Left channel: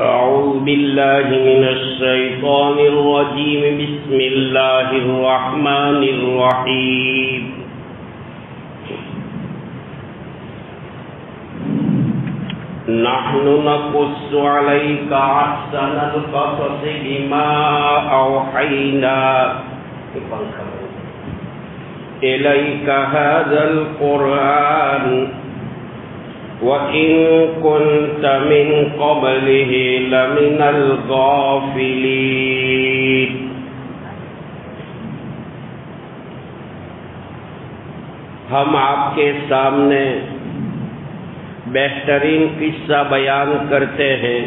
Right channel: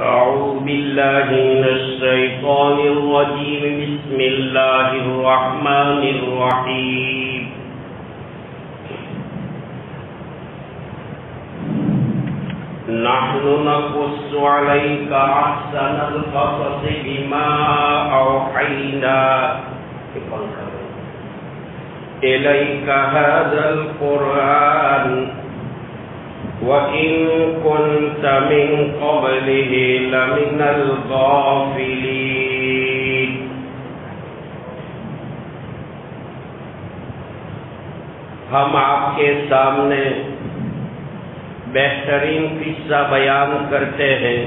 أعوذ بالله من الشيطان الرجيم. بسم الله الرحمن الرحيم. نحن نقص عليك أحسن القصص بما أوحينا إليك هذا القرآن وَإِن كُنتَ مِن قَبْلِهِ لَمِنَ الْغَافِلِينَ. ہم آپ کے سامنے بہترین قصہ بیان کرتے ہیں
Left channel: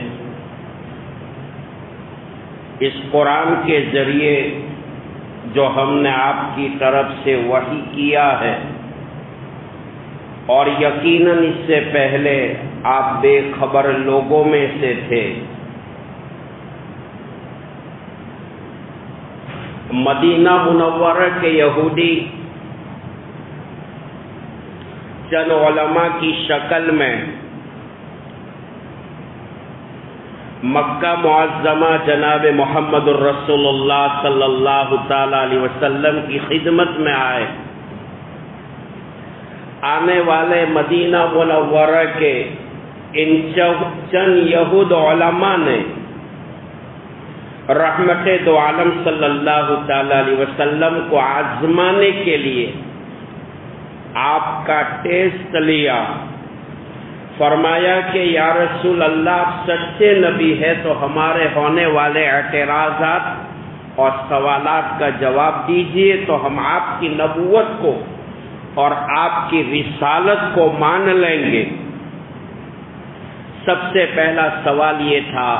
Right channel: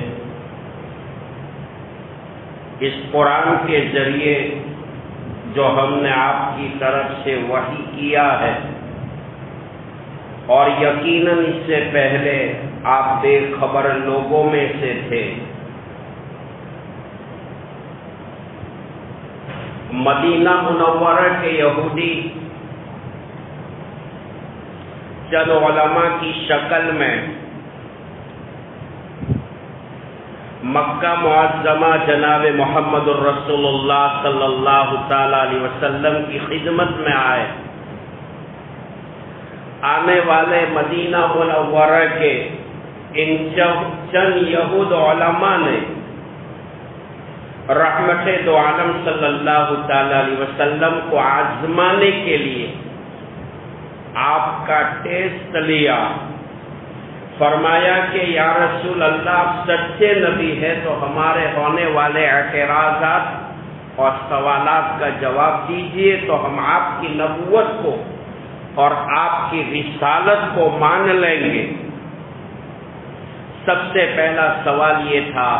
اس قرآن کے ذریعے جو ہم نے آپ کی طرف سے وحی کیا ہے، اور یقیناً اس سے پہلے آپ بے خبر لوگوں میں سے تھے. مدینہ منورہ کے یہودی چند علماء کی شکل میں مکہ معظمہ جناب محمد الرسول اللہ صلی اللہ تعالی علیہ وسلم کی خدمت میں آئے. آنے والے مدینہ منورہ کے ان چند یہود علماء نے رحمت دو عالم صلی اللہ تعالی علیہ وسلم کو آزمانے کے لیے آپ کا ٹیسٹ لیا. فرمایا کہ یا رسول اللہ، آپ سچے نبی ہے تو ہمارے ہونے والے اعتراضات اور سوالات کا جواب دیجئے تو ہم آپ کی نبوت کو اور آپ کی رسالت کو مان لیں گے. سب سے پہلا سوال یہ تھا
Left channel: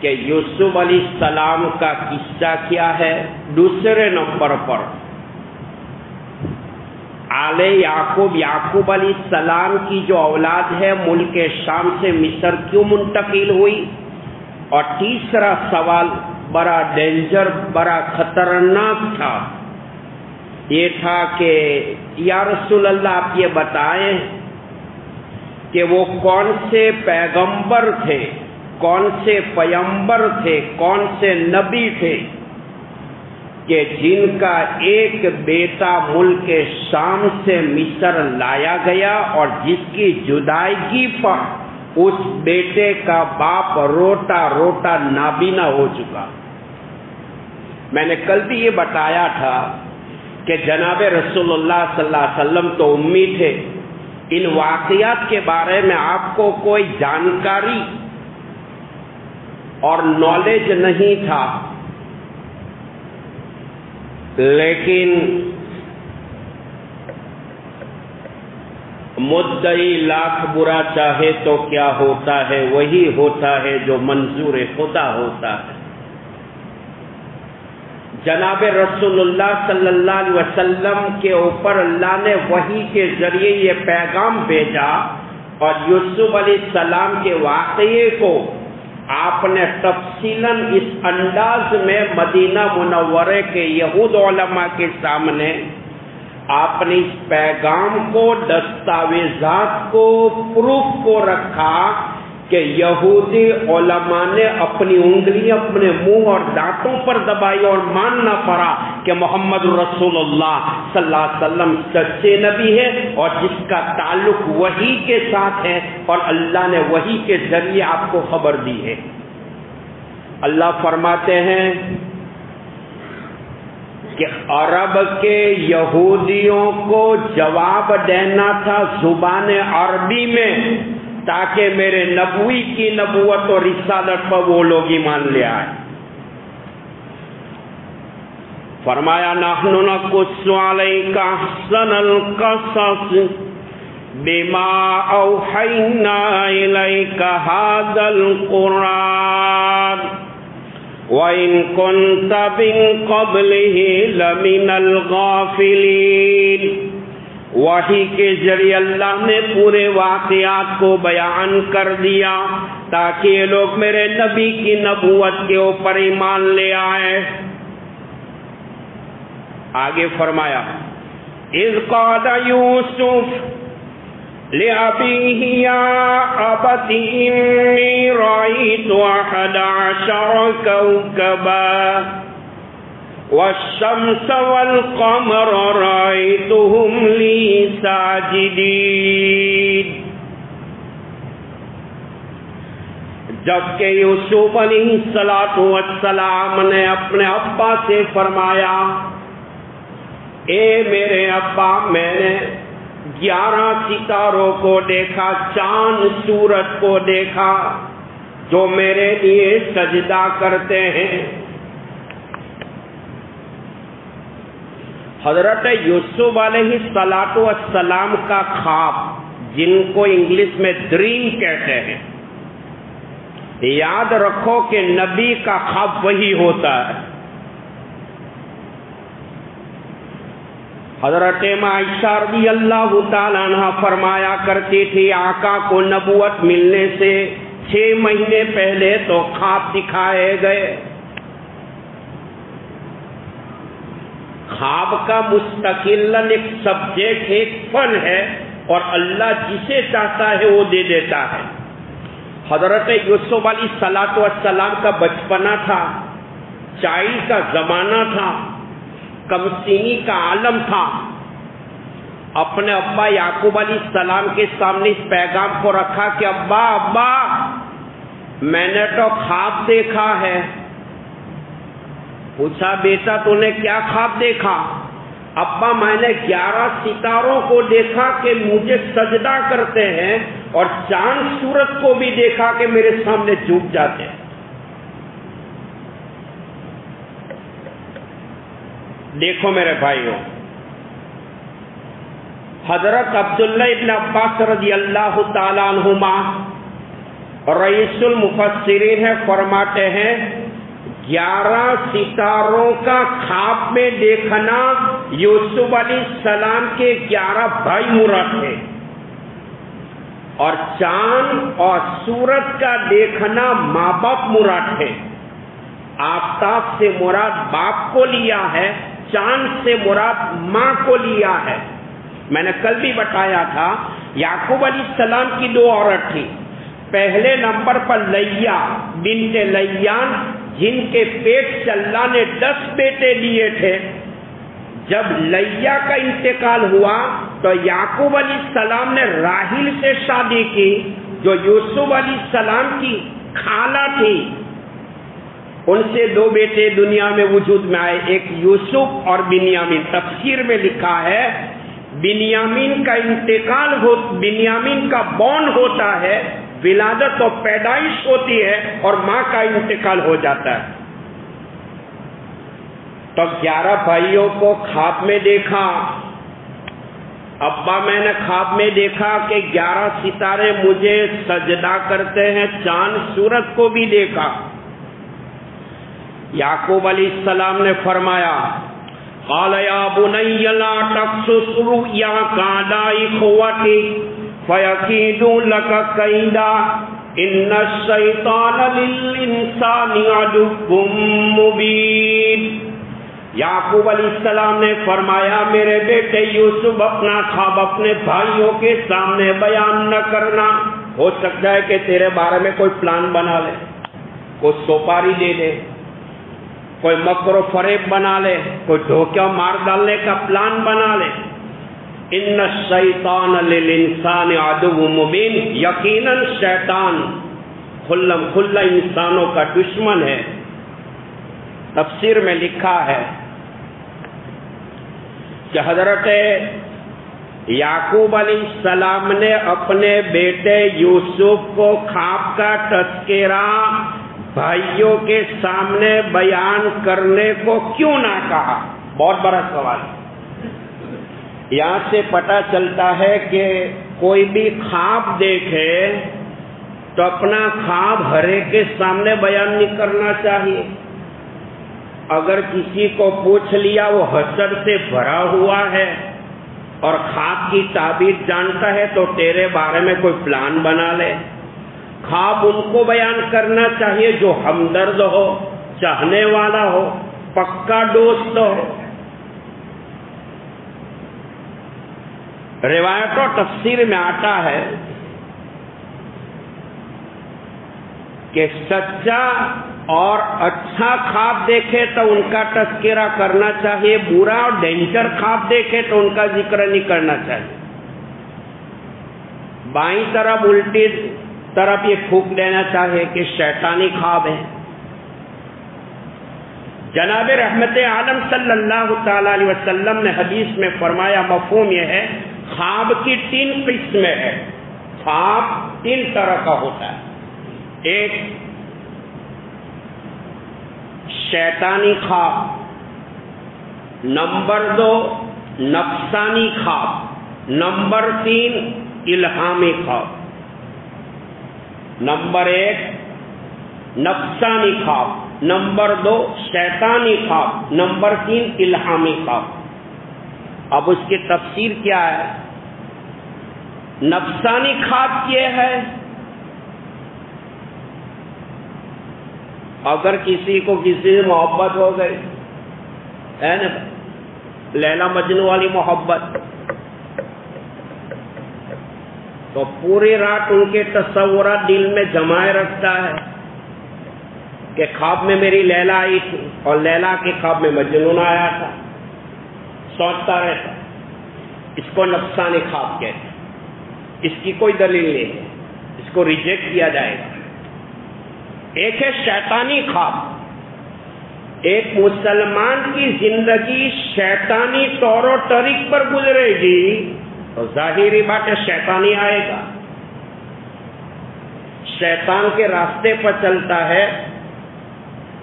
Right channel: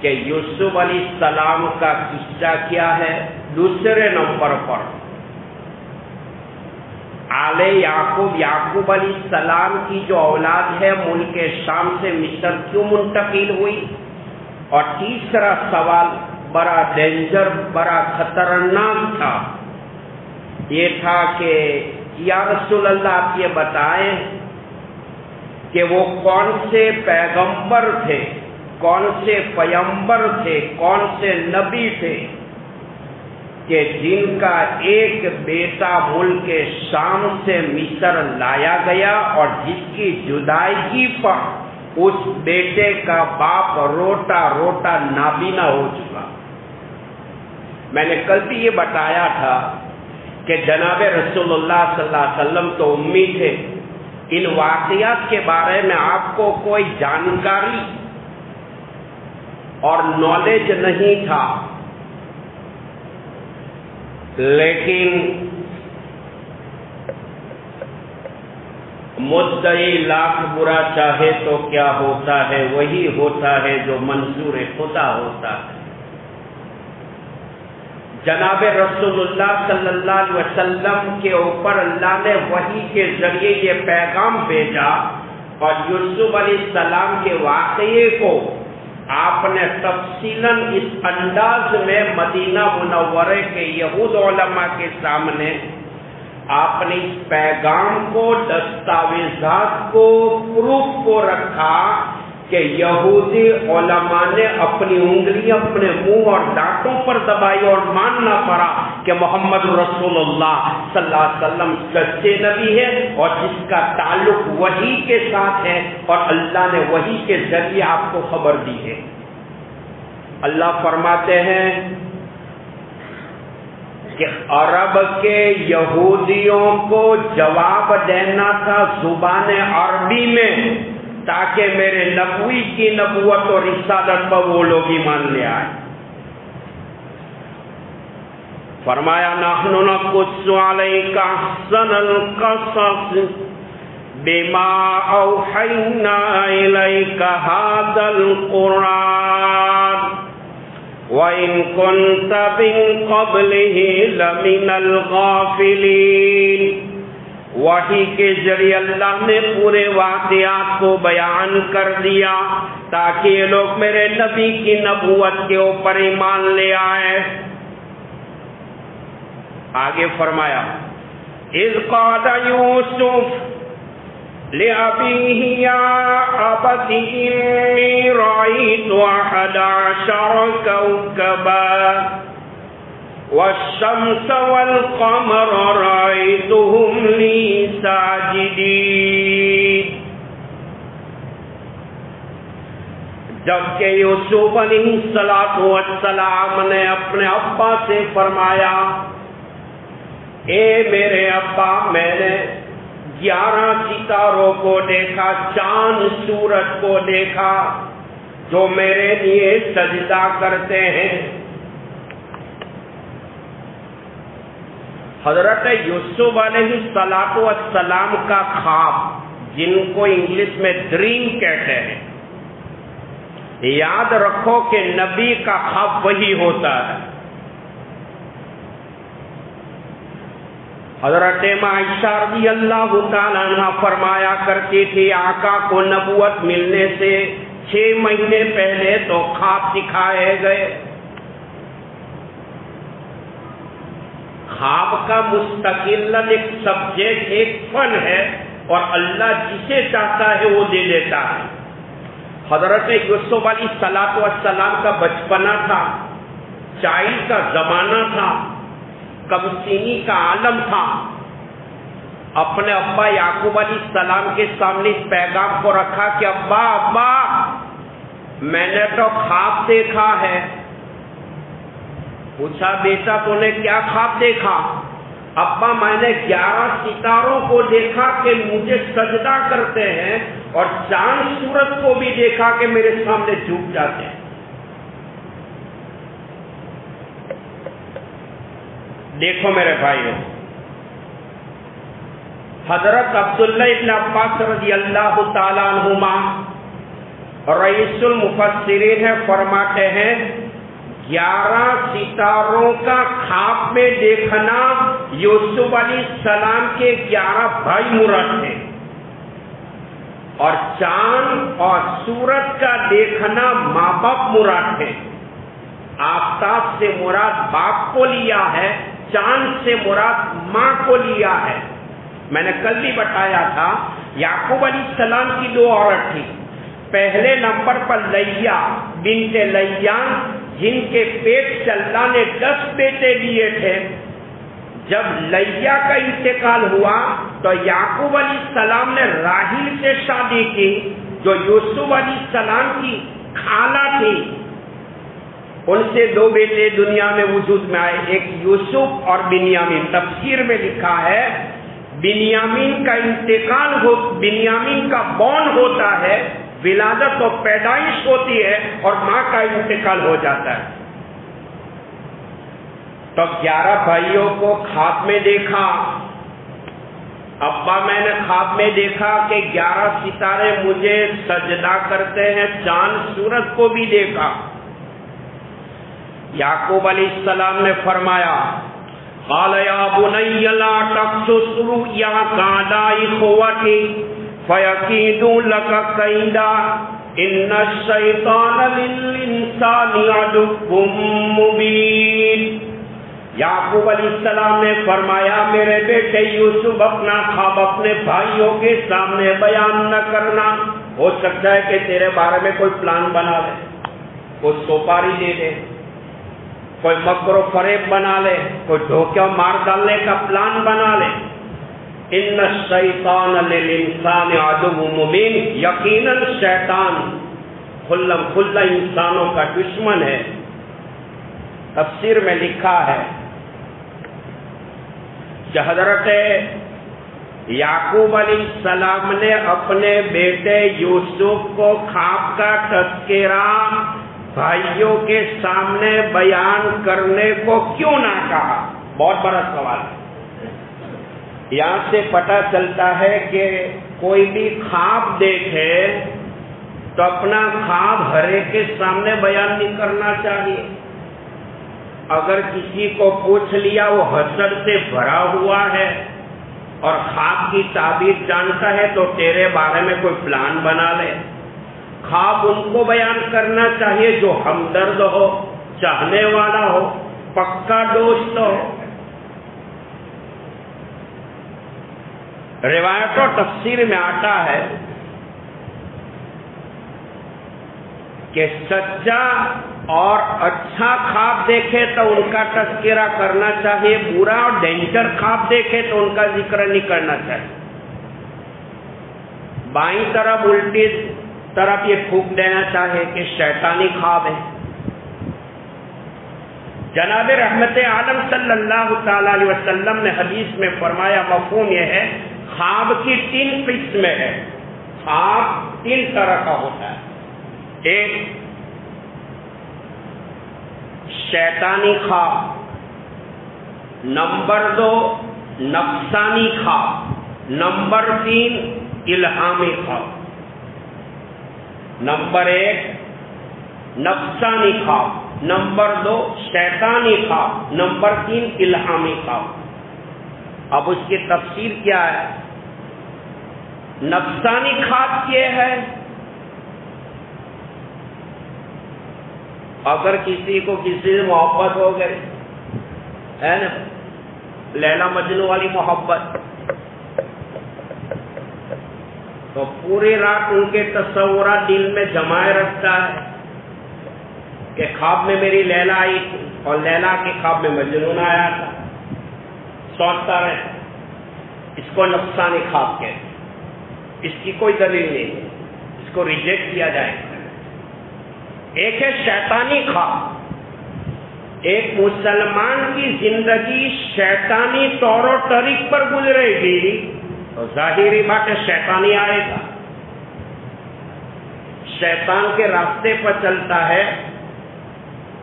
کہ یوسف علیہ السلام کا قصہ کیا ہے. دوسرے نمبر پر آل یعقوب علیہ السلام کی جو اولاد ہے ملک شام سے مصر کیوں منتقل ہوئی. اور تیسرا سوال بڑا ڈینجر، بڑا خطرناک تھا. یہ تھا کہ یا رسول اللہ، آپ یہ بتائیں کہ وہ کون سے پیغمبر تھے، کون سے پیمبر تھے، کون سے نبی تھے کہ جن کا ایک بیٹا ملک شام سے مصر لایا گیا اور جس کی جدائیگی پر اس بیٹے کا باپ روتا روتا نابینا ہو چکا. میں نے کل بھی یہ بتایا تھا کہ جناب رسول اللہ صلی اللہ علیہ وسلم تو امی تھے. ان واقعات کے بارے میں آپ کو کوئی جانکاری اور نالج نہیں تھا، لیکن مدعی لاکھ برا چاہے تو کیا ہوتا ہے، وہی ہوتا ہے جو منظور خدا ہوتا ہے. جناب رسول اللہ صلی اللہ علیہ وسلم کے اوپر اللہ نے وحی کے ذریعے یہ پیغام بھیجا اور یوسف علیہ السلام کے واقعے کو آپ نے تفصیلاً اس انداز میں مدینہ منورہ کے یہود علماء کے سامنے آپ نے اس پیغام کو، دستاویزات کو، پروف کو رکھا کہ یہودی علماء نے اپنی انگلیاں اپنے منہ اور دانتوں پر دبائی اور ماننا پڑا کہ محمد رسول اللہ صلی اللہ علیہ وسلم سچے نبی ہے اور جس کا تعلق وحی کے ساتھ ہے اور اللہ نے وحی کے ذریعے آپ کو خبر دی ہے. اللہ فرماتے ہیں کہ عرب کے یہودیوں کو جواب دینا تھا زبان عربی میں تاکہ میرے نبوی کی نبوت اور رسالت پر وہ لوگ ایمان لے آئے. فرمایا نحن نقص علیک احسن القصص بما اوحینا الیک ھذا القرآن وَإِن كُنتَ مِن قَبْلِهِ لَمِنَ الْغَافِلِينَ. وحی کے ذریعے اللہ نے پورے واقعات کو بیان کر دیا تاکہ یہ لوگ میرے نبی کی نبوت کے اوپر ایمان لے آئے. آگے فرمایا اذ قال یوسف لأبيه يا أبت إني رأيت 11 كوكبا والشمس والقمر رأيتهم لي ساجدين. جبکہ یوسف علیہ السلام نے اپنے ابا سے فرمایا، اے میرے ابا، میں نے 11 ستاروں کو دیکھا، چاند سورج کو دیکھا جو میرے لیے سجدہ کرتے ہیں. حضرت یوسف علیہ السلام کا خواب، جن کو انگلش میں ڈریم کہتے ہیں، یاد رکھو کہ نبی کا خواب وہی ہوتا ہے. حضرت عائشہ رضی اللہ تعالیٰ عنہ فرمایا کرتی تھی، آقا کو نبوت ملنے سے 6 مہینے پہلے تو خواب دکھائے گئے. خواب کا مستقل ایک سبجیکٹ، ایک فن ہے، اور اللہ جسے چاہتا ہے وہ دے دیتا ہے. حضرت یوسف علیہ السلام کا بچپنا تھا، چائے کا زمانہ تھا، کم سینی کا عالم تھا. اپنے ابا یعقوب علیہ السلام کے سامنے اس پیغام کو رکھا کہ ابا ابا، میں نے تو خواب دیکھا ہے. پوچھا بیٹا تو نے کیا خواب دیکھا؟ ابا میں نے 11 ستاروں کو دیکھا کہ مجھے سجدہ کرتے ہیں، اور چاند سورج کو بھی دیکھا کہ میرے سامنے جھک جاتے ہیں. دیکھو میرے بھائیوں، حضرت عبداللہ ابن عباس رضی اللہ تعالیٰ عنہما رئیس المفسرین ہے، فرماتے ہیں 11 ستاروں کا خواب میں دیکھنا یوسف علیہ السلام کے 11 بھائی مراد تھے، اور چاند اور سورج کا دیکھنا ماں باپ مراد تھے. آفتاب سے مراد باپ کو لیا ہے، چاند سے مراد ماں کو لیا ہے. میں نے کل بھی بتایا تھا، یعقوب علیہ السلام کی 2 عورت تھی. پہلے نمبر پر لیا بنت لیان، جن کے پیٹ سے اللہ نے 10 بیٹے دیے تھے. جب لیا کا انتقال ہوا تو یعقوب علیہ السلام نے راحیل سے شادی کی، جو یوسف علیہ السلام کی خالہ تھی. ان سے 2 بیٹے دنیا میں وجود میں آئے، ایک یوسف اور بنیامین. تفسیر میں لکھا ہے بنیامین کا انتقال بنیامین کا بورن ہوتا ہے، ولادت و پیدائش ہوتی ہے، اور ماں کا انتقال ہو جاتا ہے. تو 11 بھائیوں کو خواب میں دیکھا. ابا میں نے خواب میں دیکھا کہ 11 ستارے مجھے سجدہ کرتے ہیں، چاند سورج کو بھی دیکھا. یعقوب علیہ السلام نے فرمایا، قال یا بنی لا تقصص رؤیاک علی اخوتک فیکیدوا لک کیدا ان الشیطان للانسان عدو مبین. یعقوب علیہ السلام نے فرمایا، میرے بیٹے یوسف اپنا خواب اپنے بھائیوں کے سامنے بیان نہ کرنا. ہو سکتا ہے کہ تیرے بارے میں کوئی پلان بنا لے، کوئی سوپاری دے دے، کوئی مکر و فریب بنا لے، کوئی دھوکہ مار ڈالنے کا پلان بنا لے. ان الشیطان للانسان عدو مبین، یقیناً شیطان کھلم کھلا انسانوں کا دشمن ہے. تفسیر میں لکھا ہے کہ حضرت یعقوب علیہ السلام نے اپنے بیٹے یوسف کو خواب کا تذکرہ بھائیوں کے سامنے بیان کرنے کو کیوں نہ کہا؟ بہت بڑا سوال. یہاں سے پتہ چلتا ہے کہ کوئی بھی خواب دیکھے تو اپنا خواب ہر ایک کے سامنے بیان نہیں کرنا چاہیے. اگر کسی کو پوچھ لیا وہ حسد سے بھرا ہوا ہے اور خواب کی تعبیر جانتا ہے تو تیرے بارے میں کوئی پلان بنا لے. خواب ان کو بیان کرنا چاہیے جو ہمدرد ہو، چاہنے والا ہو، پکا دوست ہو. روایت و تفسیر میں آتا ہے کہ سچا اور اچھا خواب دیکھے تو ان کا تذکرہ کرنا چاہیے، برا اور ڈینجر خواب دیکھے تو ان کا ذکر نہیں کرنا چاہیے۔ بائیں طرف الٹی طرف یہ پھونک دینا چاہیے کہ شیطانی خواب ہے۔ جناب رحمت عالم صلی اللہ تعالی علیہ وسلم نے حدیث میں فرمایا، مفہوم یہ ہے خواب کی 3 قسمیں ہیں۔ خواب 3 طرح کا ہوتا ہے، ایک شیطانی خواب، نمبر 2 نفسانی خواب، نمبر 3 الہامی خواب۔ نمبر 1 نفسانی خواب، نمبر 2 شیطانی خواب، نمبر 3 الہامی خواب۔ اب اس کی تفسیر کیا ہے؟ نفسانی خواب یہ ہے، اگر کسی کو کسی سے محبت ہو گئی ہے نا، لیلا مجنو والی محبت، تو پوری رات ان کے تصورات دل میں جمائے رکھتا ہے کہ خواب میں میری لیلا آئی تھی اور لیلا کے خواب میں مجنون آیا تھا، سوچتا رہتا۔ اس کو نفسانی خواب کہتے ہیں، اس کی کوئی دلیل نہیں ہے، اس کو ریجیکٹ کیا جائے گا۔ ایک ہے شیطانی خواب، ایک مسلمان کی زندگی شیطانی طور و طریق پر گزرے گی تو ظاہری بات ہے شیطانی آئے گا، شیطان کے راستے پر چلتا ہے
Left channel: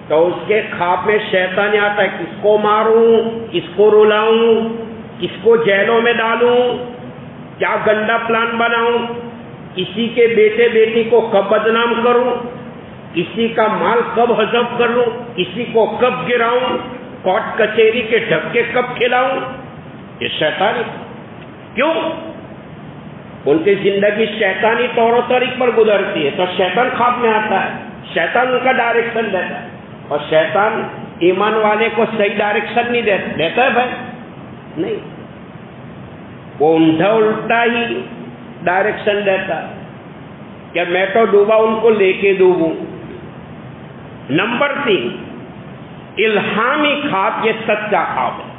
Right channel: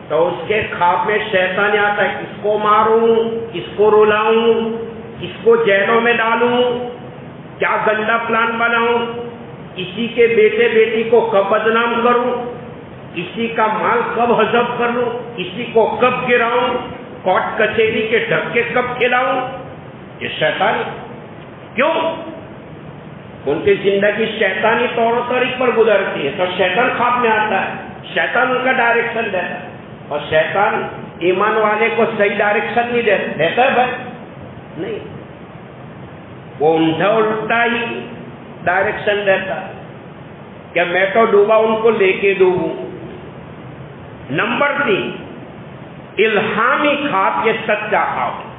تو اس کے خواب میں شیطان آتا ہے، کس کو ماروں، کس کو رلاؤں، کس کو جیلوں میں ڈالوں، کیا گندا پلان بناؤں، کسی کے بیٹے بیٹی کو کب بدنام کروں، کسی کا مال کب ہضم کر لوں، کسی کو کب گراؤں، کورٹ کچہری کے ڈھکے کب کھلاؤں۔ یہ شیطان کیوں؟ ان کی زندگی شیطانی طور و طریق پر گزرتی ہے تو شیطان خواب میں آتا ہے، شیطان ان کا ڈائریکشن دیتا ہے، اور شیطان ایمان والے کو صحیح ڈائریکشن نہیں دیتا ہے بھائی، نہیں، وہ اونڈا الٹا ہی ڈائریکشن دیتا ہے کہ میں تو ڈوبا ان کو لے کے ڈوبوں۔ نمبر 3 الہامی خواب، یہ سچا خواب ہے،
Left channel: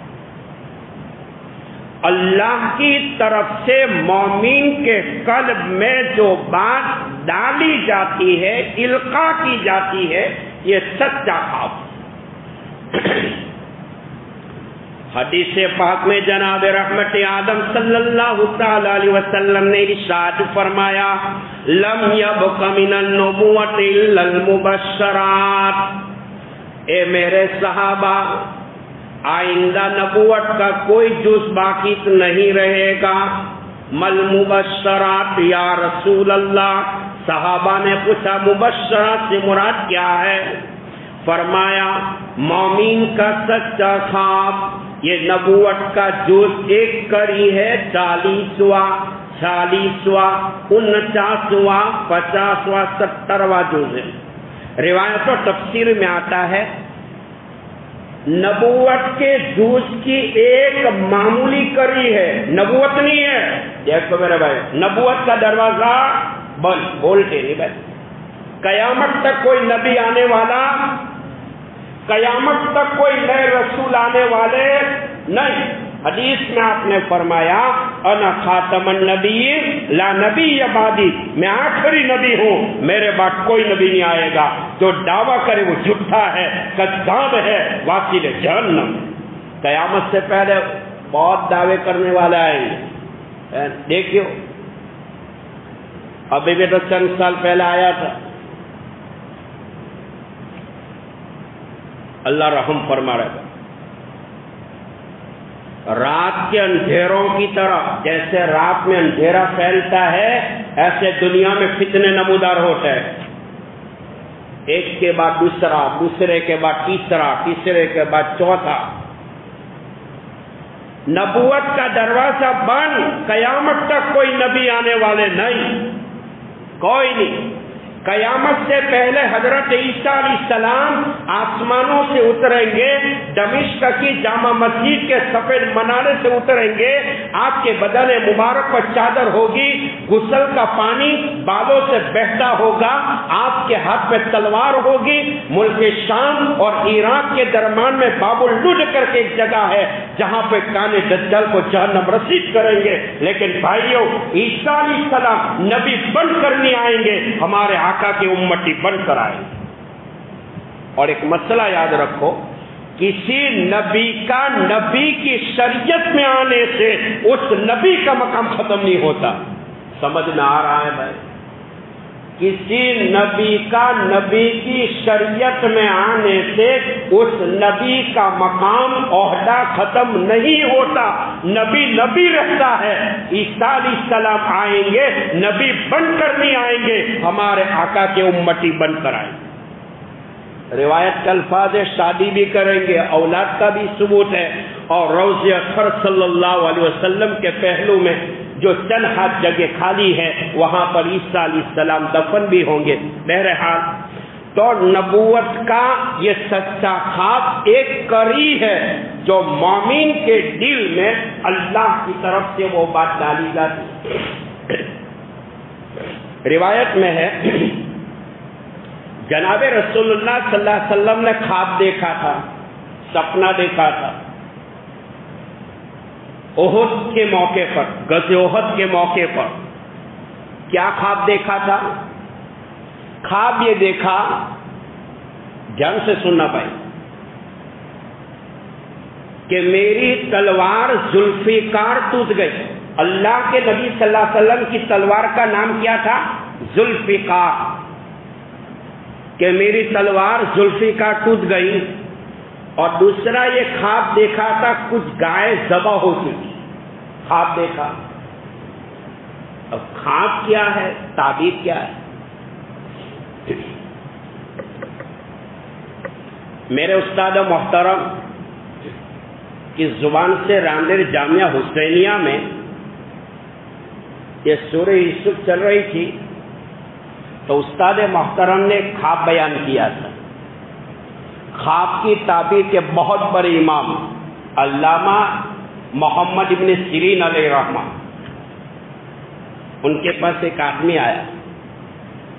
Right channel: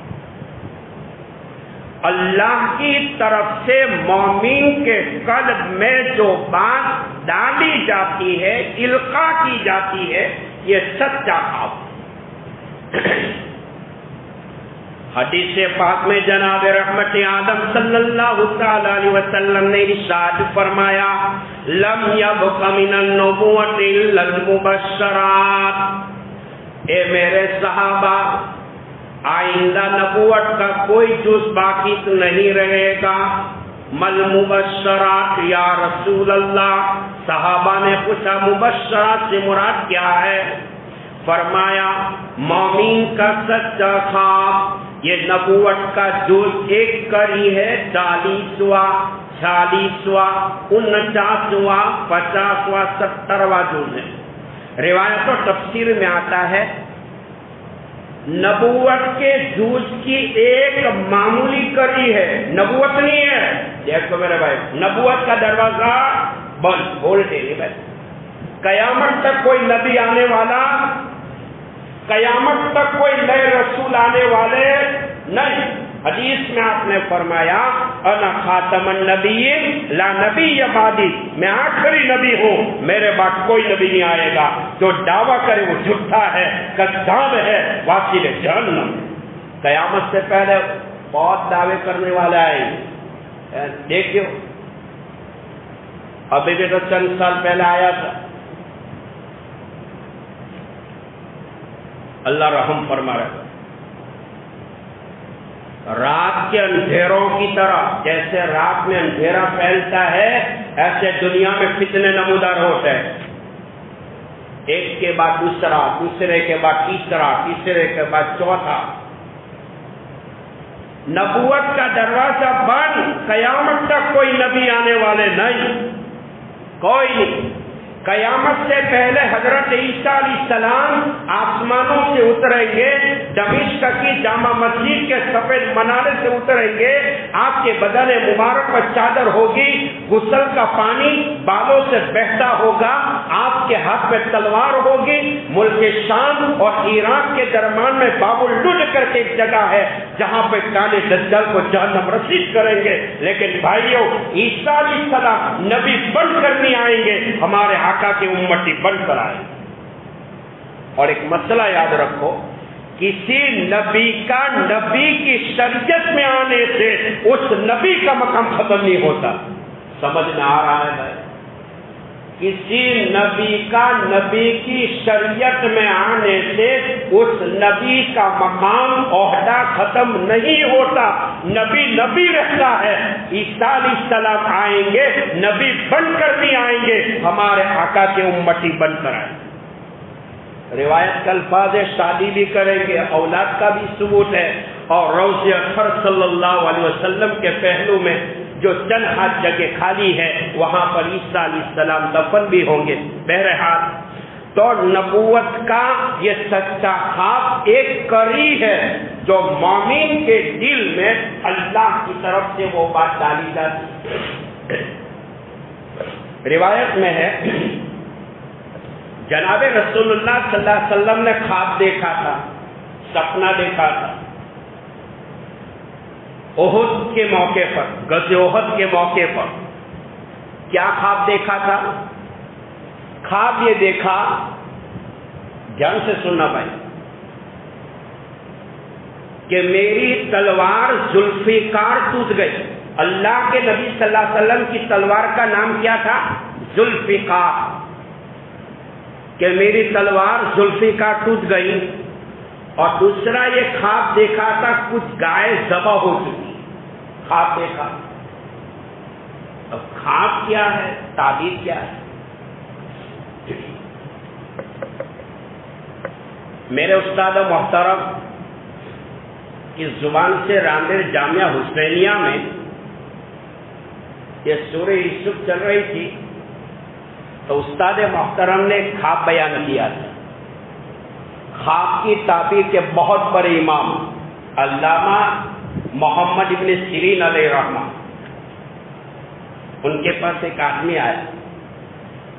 اللہ کی طرف سے مومن کے قلب میں جو بات ڈالی جاتی ہے، القاء کی جاتی ہے، یہ سچا خواب۔ حدیث پاک میں جناب رحمت آدم صلی اللہ تعالی علیہ وسلم نے ارشاد فرمایا، لم یبق من النبوۃ الا المبشرات، اے میرے صحابہ آئندہ نبوت کا کوئی جز باقی نہیں رہے گا۔ مل مبشرات یا رسول اللہ، صحابہ نے پوچھا مبشرات سے مراد کیا ہے؟ فرمایا مومن کا سچا خواب، یہ نبوت کا جز ایک کری ہے، 40واں 46واں 49واں 50واں 70واں جز ہے۔ روایت و تفسیر میں آتا ہے نبوت کے جز کی ایک معمولی کری ہے، نبوت نہیں ہے۔ دیکھو میرے بھائی، نبوت کا دروازہ بند، بولتے نہیں بھائی، قیامت تک کوئی نبی آنے والا، قیامت تک کوئی نئے رسول آنے والے نہیں۔ حدیث میں آپ نے فرمایا انا خاتم النبیین لا نبی بعدی، میں آخری نبی ہوں، میرے بعد کوئی نبی نہیں آئے گا۔ جو دعویٰ کرے وہ جھوٹا ہے، کذاب ہے، واصل جہنم۔ قیامت سے پہلے بہت دعوے کرنے والے آئیں گے، دیکھو ابھی بھی تو چند سال پہلے آیا تھا، اللہ رحم فرما رہا ہے۔ رات کے اندھیروں کی طرح، جیسے رات میں اندھیرا پھیلتا ہے ایسے دنیا میں فتنے نمودار ہوتے ہیں، ایک کے بعد دوسرا، دوسرے کے بعد تیسرا، تیسرے کے بعد چوتھا۔ نبوت کا دروازہ بند، قیامت تک کوئی نبی آنے والے نہیں، کوئی نہیں۔ قیامت سے پہلے حضرت عیسیٰ علیہ السلام آسمانوں سے اتریں گے، دمشق کی جامع مسجد کے سفید منارے سے اتریں گے، آپ کے بدن مبارک پر چادر ہوگی، غسل کا پانی بالوں سے بہتا ہوگا، آپ کے ہاتھ میں تلوار ہوگی۔ ملک شام اور عراق کے درمیان میں باب اللج کر کے ایک جگہ ہے جہاں پہ کانے دجال کو جہنم رسید کریں گے، لیکن بھائیوں عیسیٰ علیہ السلام نبی بن کر نہیں آئیں گے، ہمارے آقا کے امتی بن کر آئیں گے۔ اور ایک مسئلہ یاد رکھو، کسی نبی کا نبی کی شریعت میں آنے سے اس نبی کا مقام ختم نہیں ہوتا۔ سمجھ نہ آ رہا ہے بھائی؟ کسی نبی کا نبی کی شریعت میں آنے سے اس نبی کا مقام عہدہ ختم نہیں ہوتا، نبی نبی رہتا ہے۔ عیسیٰ علیہ السلام آئیں گے، نبی بن کر نہیں آئیں گے، ہمارے آقا کے امتی بن کر آئیں گے۔ روایت کے الفاظ شادی بھی کریں گے، اولاد کا بھی ثبوت ہے، اور روضہ اکبر صلی اللہ علیہ وسلم کے پہلو میں جو چند ہاتھ جگہ خالی ہے وہاں پر عیسیٰ علیہ السلام دفن بھی ہوں گے۔ بہرحال تو نبوت کا یہ سچا خواب ایک کڑی ہے جو مومن کے دل میں اللہ کی طرف سے وہ بات ڈالی جاتی۔ روایت میں ہے جناب رسول اللہ صلی اللہ علیہ وسلم نے خواب دیکھا تھا، سپنا دیکھا تھا، احد کے موقع پر، غزوہ احد کے موقع پر۔ کیا خواب دیکھا تھا؟ خواب یہ دیکھا، دھیان سے سننا بھائی، کہ میری تلوار ذوالفقار ٹوٹ گئی۔ اللہ کے نبی صلی اللہ علیہ وسلم کی تلوار کا نام کیا تھا؟ ذوالفقار، کہ میری تلوار ذوالفقار ٹوٹ گئی۔ اور دوسرا یہ خواب دیکھا تھا کچھ گائے ذبح ہو چکی، خواب دیکھا۔ اب خواب کیا ہے، تعبیر کیا ہے؟ میرے استاد محترم کی زبان سے راندر جامعہ حسینیہ میں یہ سورہ یوسف چل رہی تھی تو استاد محترم نے خواب بیان کیا تھا۔ خواب کی تعبیر کے بہت بڑے امام علامہ محمد ابن سیرین علیہ رحمہ، ان کے پاس ایک آدمی آیا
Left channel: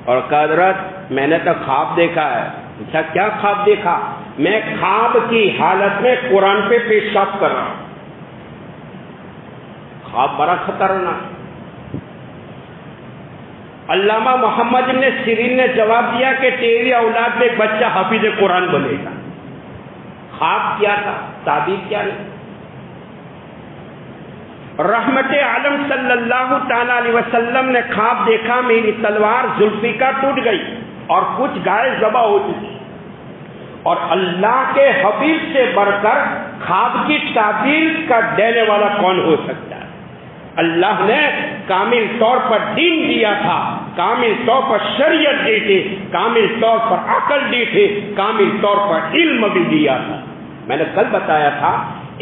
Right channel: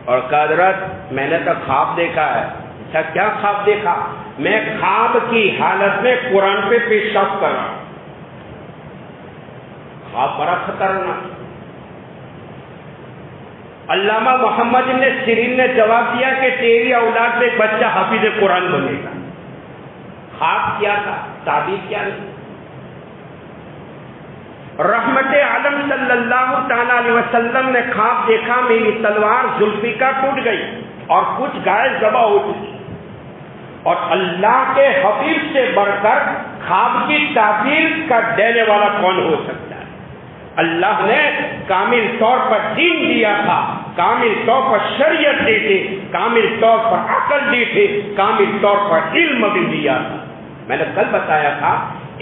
اور کہا حضرت میں نے تو خواب دیکھا ہے۔ اچھا کیا خواب دیکھا؟ میں خواب کی حالت میں قرآن پہ پیشاب کر رہا ہوں۔ خواب بڑا خطرناک۔ علامہ محمد ابن سیرین نے جواب دیا کہ تیری اولاد میں ایک بچہ حافظ قرآن بنے گا۔ خواب کیا تھا، تعبیر کیا نہیں۔ رحمت عالم صلی اللہ تعالی علیہ وسلم نے خواب دیکھا میری تلوار ذوالفقار ٹوٹ گئی اور کچھ گائے ذبح ہو چکی۔ اور اللہ کے حبیب سے بڑھ کر خواب کی تعبیر کا دینے والا کون ہو سکتا ہے؟ اللہ نے کامل طور پر دین دیا تھا، کامل طور پر شریعت دی تھی، کامل طور پر عقل دی تھی، کامل طور پر علم بھی دیا تھا۔ میں نے کل بتایا تھا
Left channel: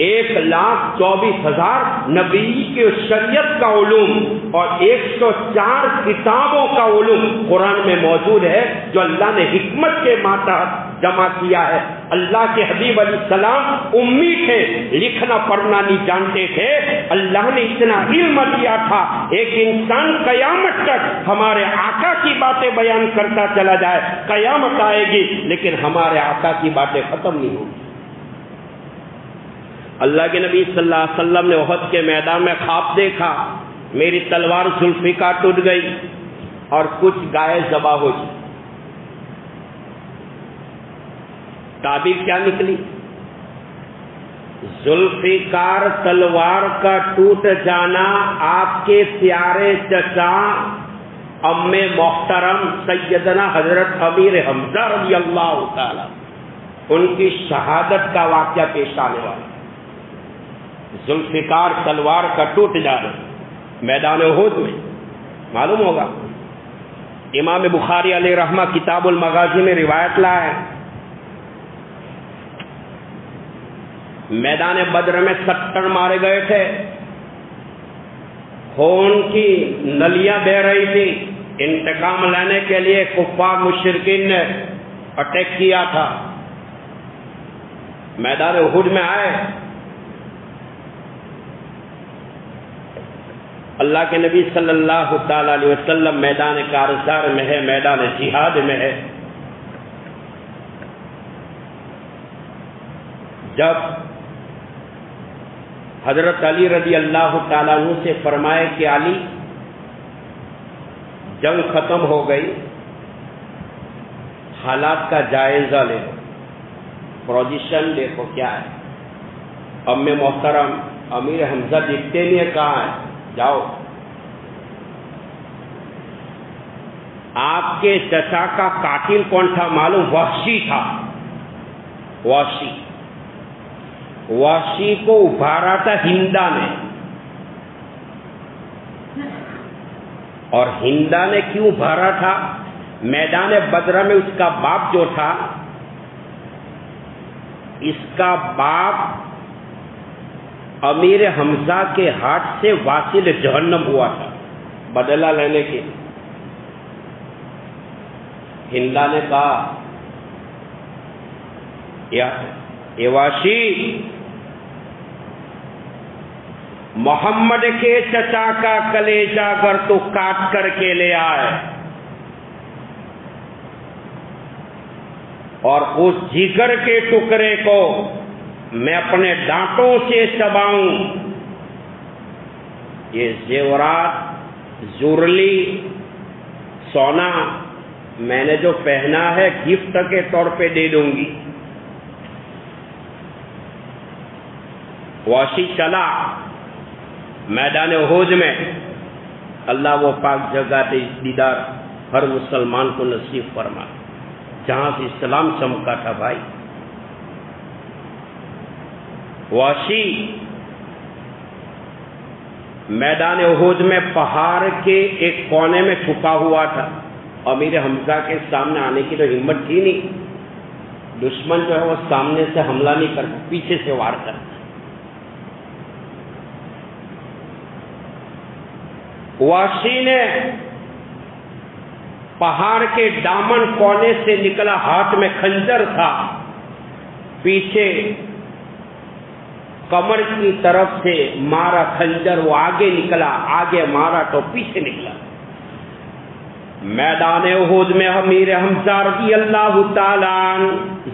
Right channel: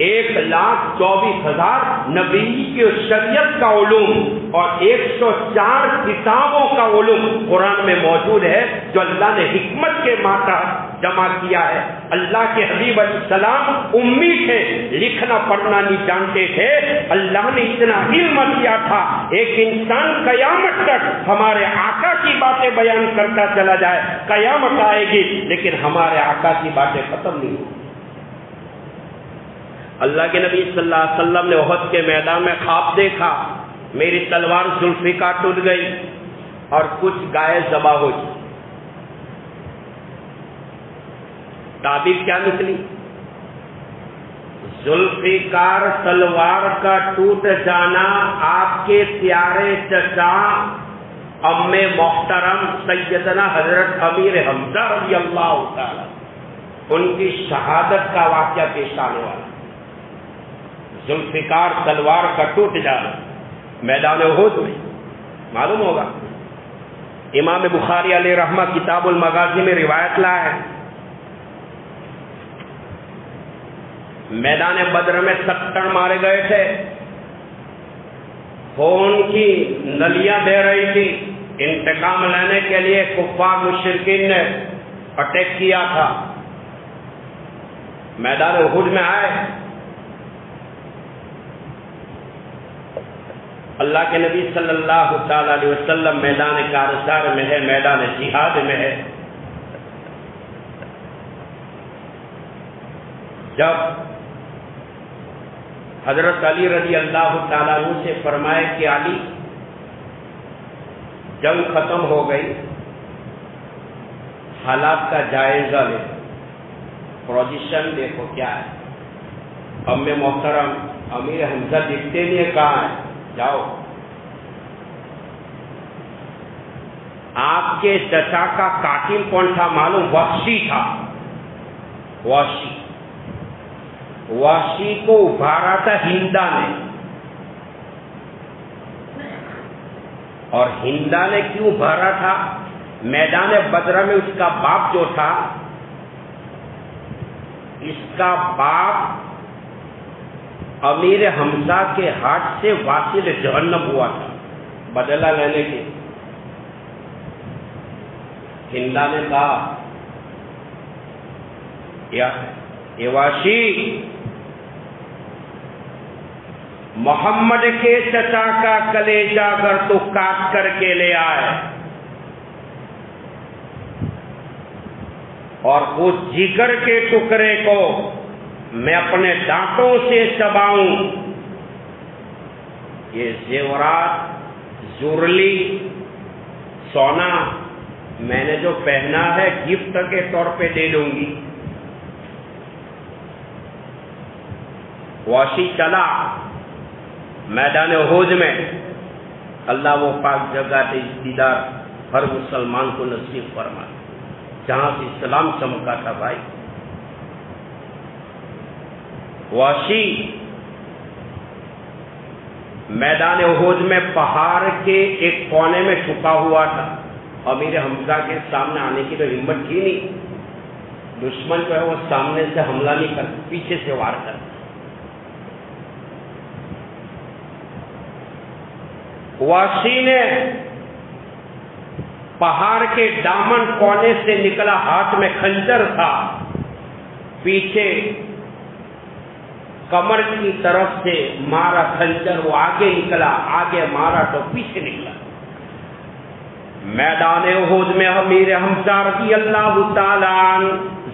1,24,000 نبی کی شریعت کا علوم اور 104 کتابوں کا علوم قرآن میں موجود ہے جو اللہ نے حکمت کے ماتحت جمع کیا ہے۔ اللہ کے حبیب علیہ السلام امی تھے، لکھنا پڑھنا نہیں جانتے تھے، اللہ نے اتنا علم دیا تھا ایک انسان قیامت تک ہمارے آقا کی باتیں بیان کرتا چلا جائے، قیامت آئے گی لیکن ہمارے آقا کی باتیں ختم نہیں ہوگی۔ اللہ کے نبی صلی اللہ علیہ وسلم نے احد کے میدان میں خواب دیکھا میری تلوار ذوالفقار ٹوٹ گئی اور کچھ گائے ذبح ہو چکی۔ تعبیر کیا نکلی؟ ذوالفقار تلوار کا ٹوٹ جانا آپ کے پیارے چچا ام محترم سیدنا حضرت امیر حمزہ رضی اللہ تعالی ان کی شہادت کا واقعہ پیش آنے والا۔ ذوالفقار تلوار کا ٹوٹ جانا میدان احد میں معلوم ہوگا۔ امام بخاری علیہ رحمہ کتاب المغازی میں روایت لا ہے، میدان بدر میں 70 مارے گئے تھے، خون کی نلیاں بہ رہی تھی، انتقام لینے کے لیے کفار مشرکین نے اٹیک کیا تھا، میدان احد میں آئے، اللہ کے نبی صلی اللہ تعالی علیہ وسلم میدان کارزار میں ہے، میدان جہاد میں ہے۔ جب حضرت علی رضی اللہ تعالیٰ عنہ سے فرمائے کہ علی جنگ ختم ہو گئی، حالات کا جائزہ لے، پوزیشن دیکھو کیا ہے۔ ام محترم امیر حمزہ دکھتے نہیں ہے، کہاں ہے؟ جاؤ۔ آپ کے چچا کا قاتل کون تھا معلوم؟ وحشی تھا۔ وحشی کو ابھارا تھا ہندا نے، اور ہندا نے کیوں ابھارا تھا؟ میدان بدر میں اس کا باپ جو تھا، اس کا باپ امیر حمزہ کے ہاتھ سے واصل جہنم ہوا تھا، بدلہ لینے کے۔ ہندا نے کہا اے وحشی، محمد کے چچا کا کلیجہ اگر تو کاٹ کر کے لے آئے اور اس جگر کے ٹکڑے کو میں اپنے دانتوں سے چباؤں، یہ زیورات، زرلی، سونا میں نے جو پہنا ہے گفٹ کے طور پہ دے دوں گی۔ وحشی چلا میدان احد میں۔ اللہ وہ پاک جگہ دیدار ہر مسلمان کو نصیب فرمائے جہاں سے اسلام چمکا تھا بھائی۔ وحشی میدان احد میں پہاڑ کے ایک کونے میں چھپا ہوا تھا، امیر حمزہ کے سامنے آنے کی تو ہمت تھی نہیں، دشمن جو ہے وہ سامنے سے حملہ نہیں کرتا، پیچھے سے وار کرتا۔ وحشی نے پہاڑ کے دامن کونے سے نکلا، ہاتھ میں خنجر تھا، پیچھے کمر کی طرف سے مارا خنجر، وہ آگے نکلا، آگے مارا تو پیچھے نکلا۔ میدان احد میں امیر حمزہ رضی اللہ تعالی عنہ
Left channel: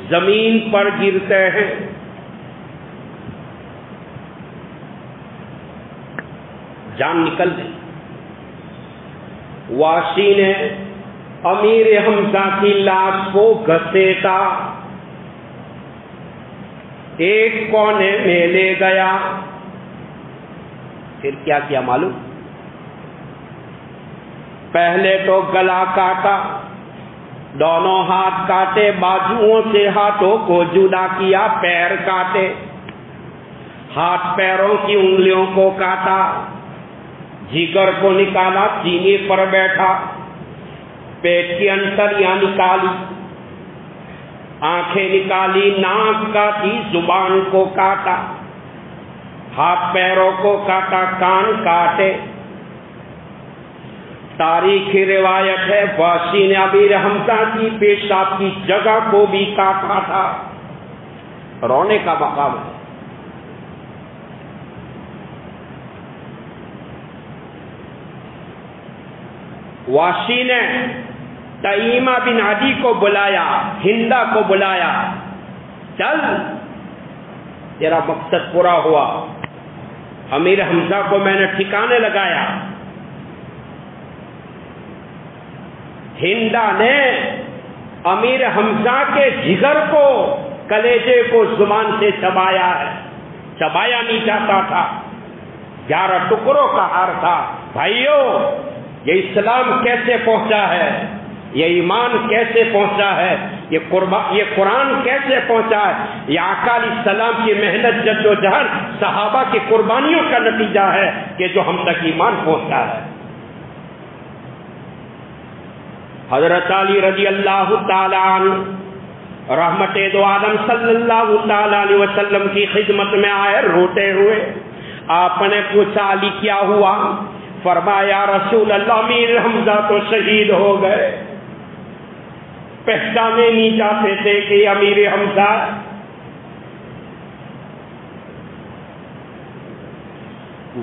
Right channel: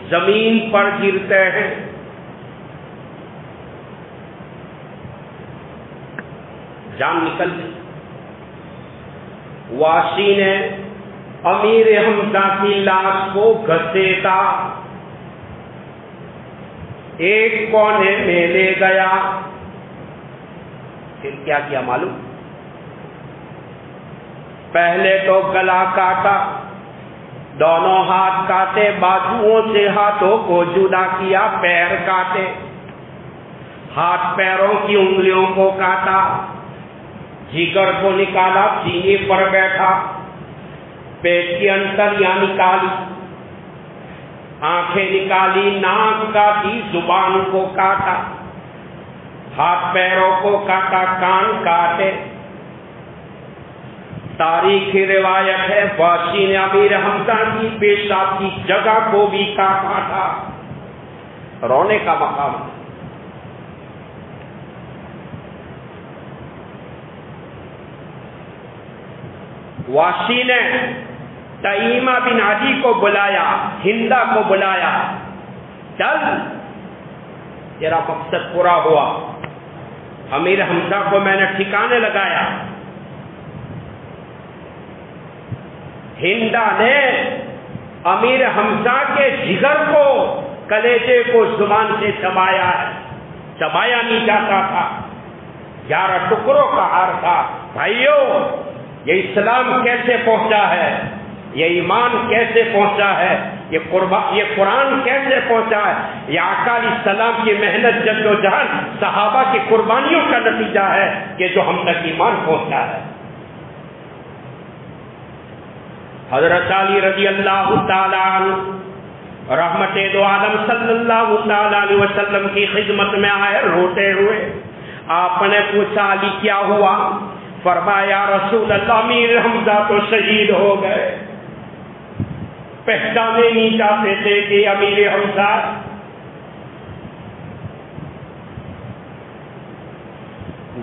زمین پر گرتے ہیں۔ جان نکل گئی۔ وحشی نے امیر حمزہ کی لاش کو گھسیٹا، ایک کونے میں لے گیا، پھر کیا کیا معلوم؟ پہلے تو گلا کاٹا، دونوں ہاتھ کاٹے، بازوؤں سے ہاتھوں کو جدا کیا، پیر کاٹے، ہاتھ پیروں کی انگلیوں کو کاٹا، جگر کو نکالا، سینے پر بیٹھا، پیٹ کی انتڑیاں نکالی، آنکھیں نکالی، ناک کاٹی، زبان کو کاٹا، ہاتھ پیروں کو کاٹا، کان کاٹے۔ تاریخی روایت ہے وحشی نے امیر حمزہ کی پیشاب کی جگہ کو بھی کاٹا تھا۔ رونے کا مقام ہے۔ وحشی نے تیمہ بن عدی کو بلایا، ہندا کو بلایا، چل تیرا مقصد پورا ہوا، امیر حمزہ کو میں نے ٹھکانے لگایا۔ ہندا نے امیر حمزہ کے جگر کو، کلیجے کو زبان سے چبایا ہے، چبایا نہیں جاتا تھا، 11 ٹکڑوں کا ہار تھا۔ بھائیو، یہ اسلام کیسے پہنچا ہے، یہ ایمان کیسے پہنچا ہے، یہ قرآن کیسے پہنچا ہے، یہ آقا علیہ السلام کی محنت، جد و جہد، صحابہ کی قربانیوں کا نتیجہ ہے کہ جو ہم تک ایمان پہنچا ہے۔ حضرت علی رضی اللہ تعالی عنہ رحمت دو عالم صلی اللہ تعالی علیہ وسلم کی خدمت میں آئے روتے ہوئے۔ آپ نے پوچھا علی کیا ہوا؟ فرمایا رسول اللہ امیر حمزہ تو شہید ہو گئے، پہچانے نہیں چاہتے تھے کہ امیر حمزہ۔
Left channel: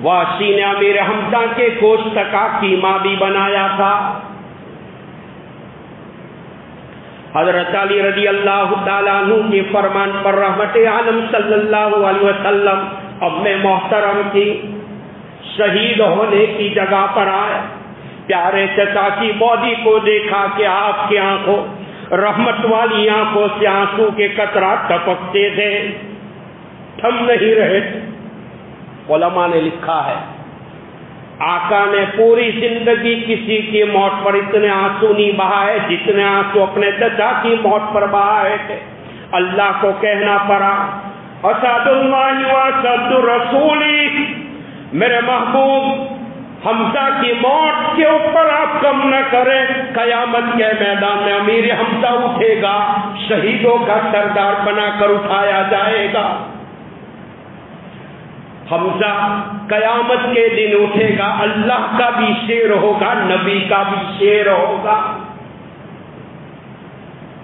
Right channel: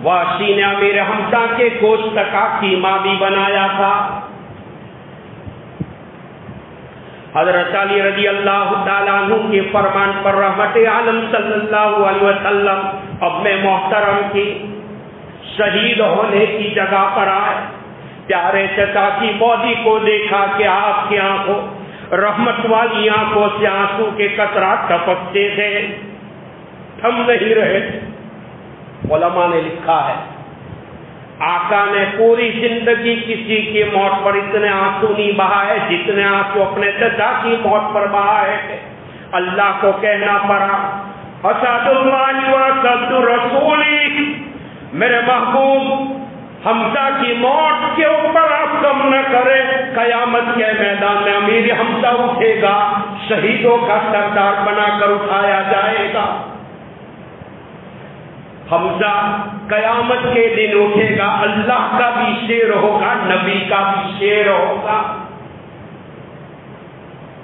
واشی نے امیر حمزہ کے گوشت کا قیمہ بھی بنایا تھا۔ حضرت علی رضی اللہ تعالیٰ عنہ کے فرمان پر رحمت عالم صلی اللہ علیہ وسلم اپنے محترم کی شہید ہونے کی جگہ پر آئے، پیارے چچا کی باڈی کو دیکھا کہ آپ کی آنکھوں، رحمت والی آنکھوں سے آنسو کے قطرات ٹپکتے تھے، تھم نہیں رہے تھے۔ علماء نے لکھا ہے آقا نے پوری زندگی کسی کی موت پر اتنے آنسو نہیں بہائے جتنے آنسو اپنے چچا کی موت پر بہائے تھے۔ اللہ کو کہنا پڑا اسد اللہ و اسد رسولی، میرے محبوب حمزہ کی موت کے اوپر آپ کم نہ کریں، قیامت کے میدان میں امیر حمزہ اٹھے گا، شہیدوں کا سردار بنا کر اٹھایا جائے گا۔ حمزہ قیامت کے دن اٹھے گا، اللہ کا بھی شیر ہوگا، نبی کا بھی شیر ہوگا۔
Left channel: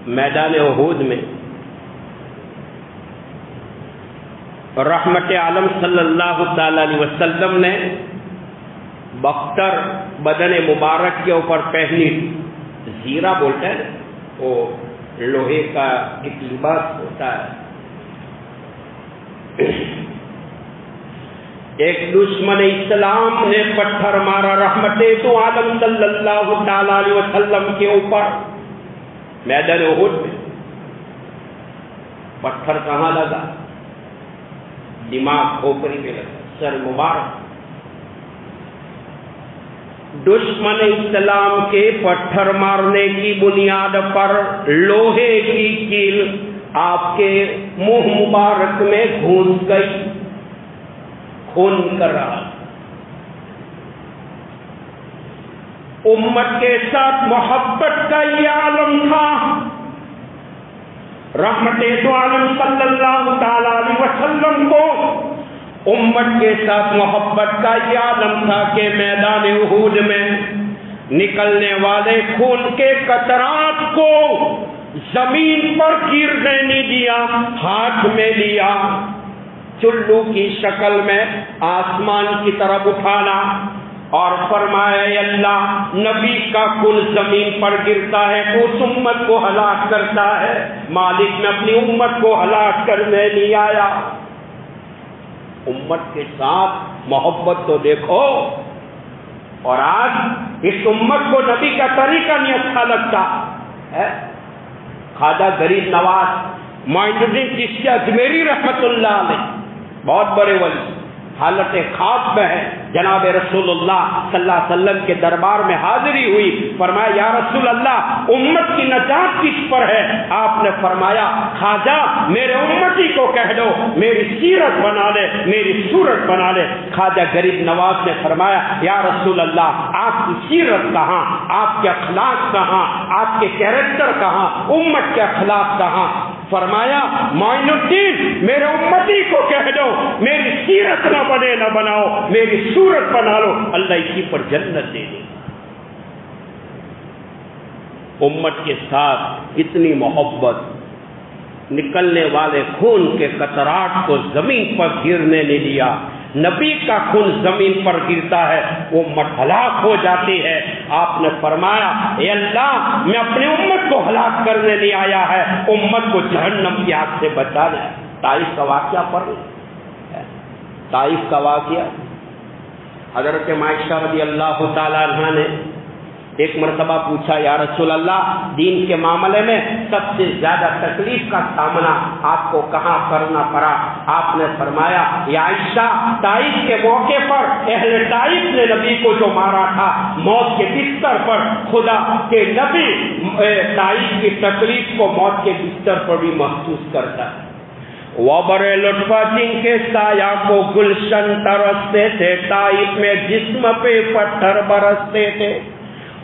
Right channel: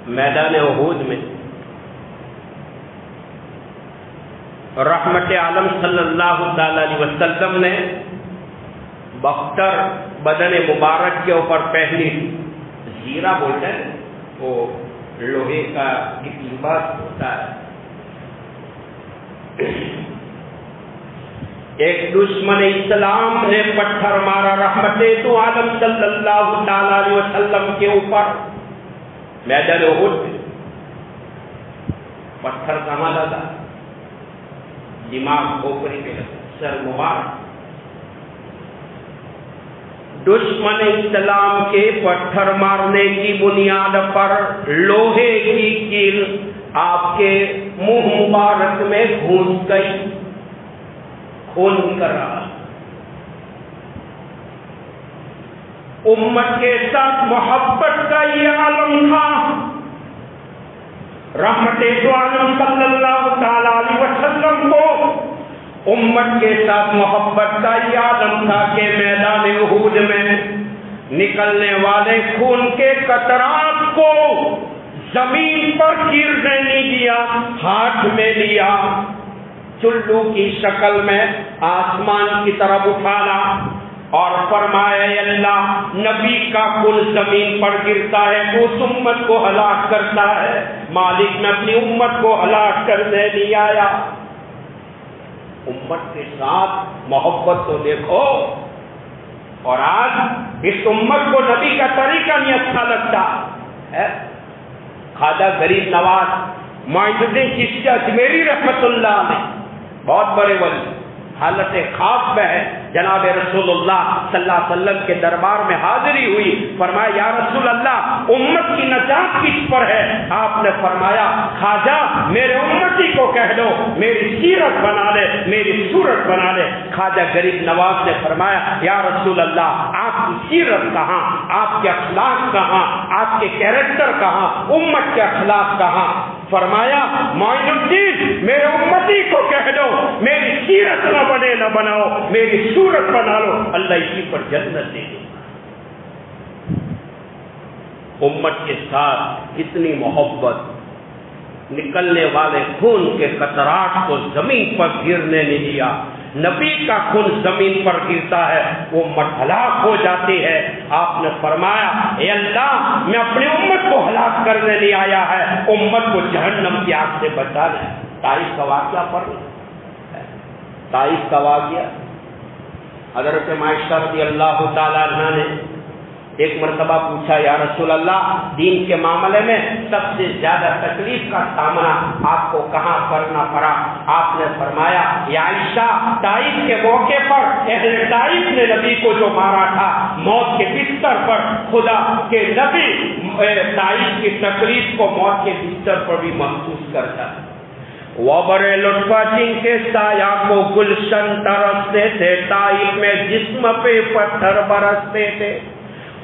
میدان احد میں رحمت عالم صلی اللہ تعالی علیہ وسلم نے بختر بدن مبارک کے اوپر پہنی زیرہ بولتے ہیں، وہ لوہے کا ایک لباس ہوتا ہے۔ ایک دشمن اسلام نے پتھر مارا رحمت تو عالم صلی اللہ تعالی علیہ وسلم کے اوپر میدان احد میں۔ پتھر کہاں لگا؟ دماغ کھوپڑی پہ لگا، سر مبارک۔ دشمن اسلام کے پتھر مارنے کی بنیاد پر لوہے کی کیل آپ کے منہ مبارک میں گھس گئی، خون کر رہا۔ امت کے ساتھ محبت کا یہ عالم تھا۔ رحمت دو عالم صلی اللہ تعالی علیہ وسلم کو امت کے ساتھ محبت کا یہ عالم تھا کہ میدان احد میں نکلنے والے خون کے قطرات کو زمین پر گرنے نہیں دیا، ہاتھ میں لیا، چلو کی شکل میں آسمان کی طرف اٹھانا اور فرمایا اے اللہ، نبی کا خون زمین پر گرتا ہے وہ اس امت کو ہلاک کرتا ہے، مالک میں اپنی امت کو ہلاک کرنے نہیں آیا۔ امت کے ساتھ محبت تو دیکھو، اور آج اس امت کو نبی کا طریقہ نہیں اچھا لگتا ہے۔ خواجہ غریب نواز معین الدین چشتی اجمیری رحمت اللہ علیہ بہت بڑے ولی، حالت خواب میں ہے، جناب رسول اللہ صلی اللہ علیہ وسلم کے دربار میں حاضری ہوئی، فرمایا یا رسول اللہ امت کی نجات کس پر ہے؟ آپ نے فرمایا خواجہ میرے امتی کو کہہ دو میری سیرت بنا لے، میری صورت بنا لے۔ خواجہ غریب نواز نے فرمایا یا رسول اللہ آپ کی سیرت کہاں، آپ کے اخلاق کہاں، آپ کے کیریکٹر کہاں، امت کے اخلاق کہاں؟ فرمایا معین الدین میرے امتی کو کہہ دو میری سیرت نہ بنے نہ بناؤ، میری صورت بنا لو، اللہ اسی پر جنت دے دے۔ امت کے ساتھ اتنی محبت، نکلنے والے خون کے قطرات کو زمین پر گرنے نہیں دیا۔ نبی کا خون زمین پر گرتا ہے وہ امت ہلاک ہو جاتی ہے۔ آپ نے فرمایا اے اللہ میں اپنی امت کو ہلاک کرنے نہیں آیا ہے، امت کو جہنم کی آگ سے بچا لیا۔ طائف کا واقعہ پڑھ لیں، طائف کا واقعہ حضرت عائشہ رضی اللہ تعالیٰ عنہ نے ایک مرتبہ پوچھا یا رسول اللہ دین کے معاملے میں سب سے زیادہ تکلیف کا سامنا آپ کو کہاں کرنا پڑا؟ آپ نے فرمایا یا عائشہ طائف کے موقع پر اہل طائف نے نبی کو جو مارا تھا، موت کے بستر پر خدا کے نبی طائف کی تکلیف کو موت کے بستر پر بھی محسوس کرتا ہے۔ وہ بڑے لطفہ جن کے سایہ کو گلشن ترستے تھے، طائف میں جسم پہ پتھر برستے تھے،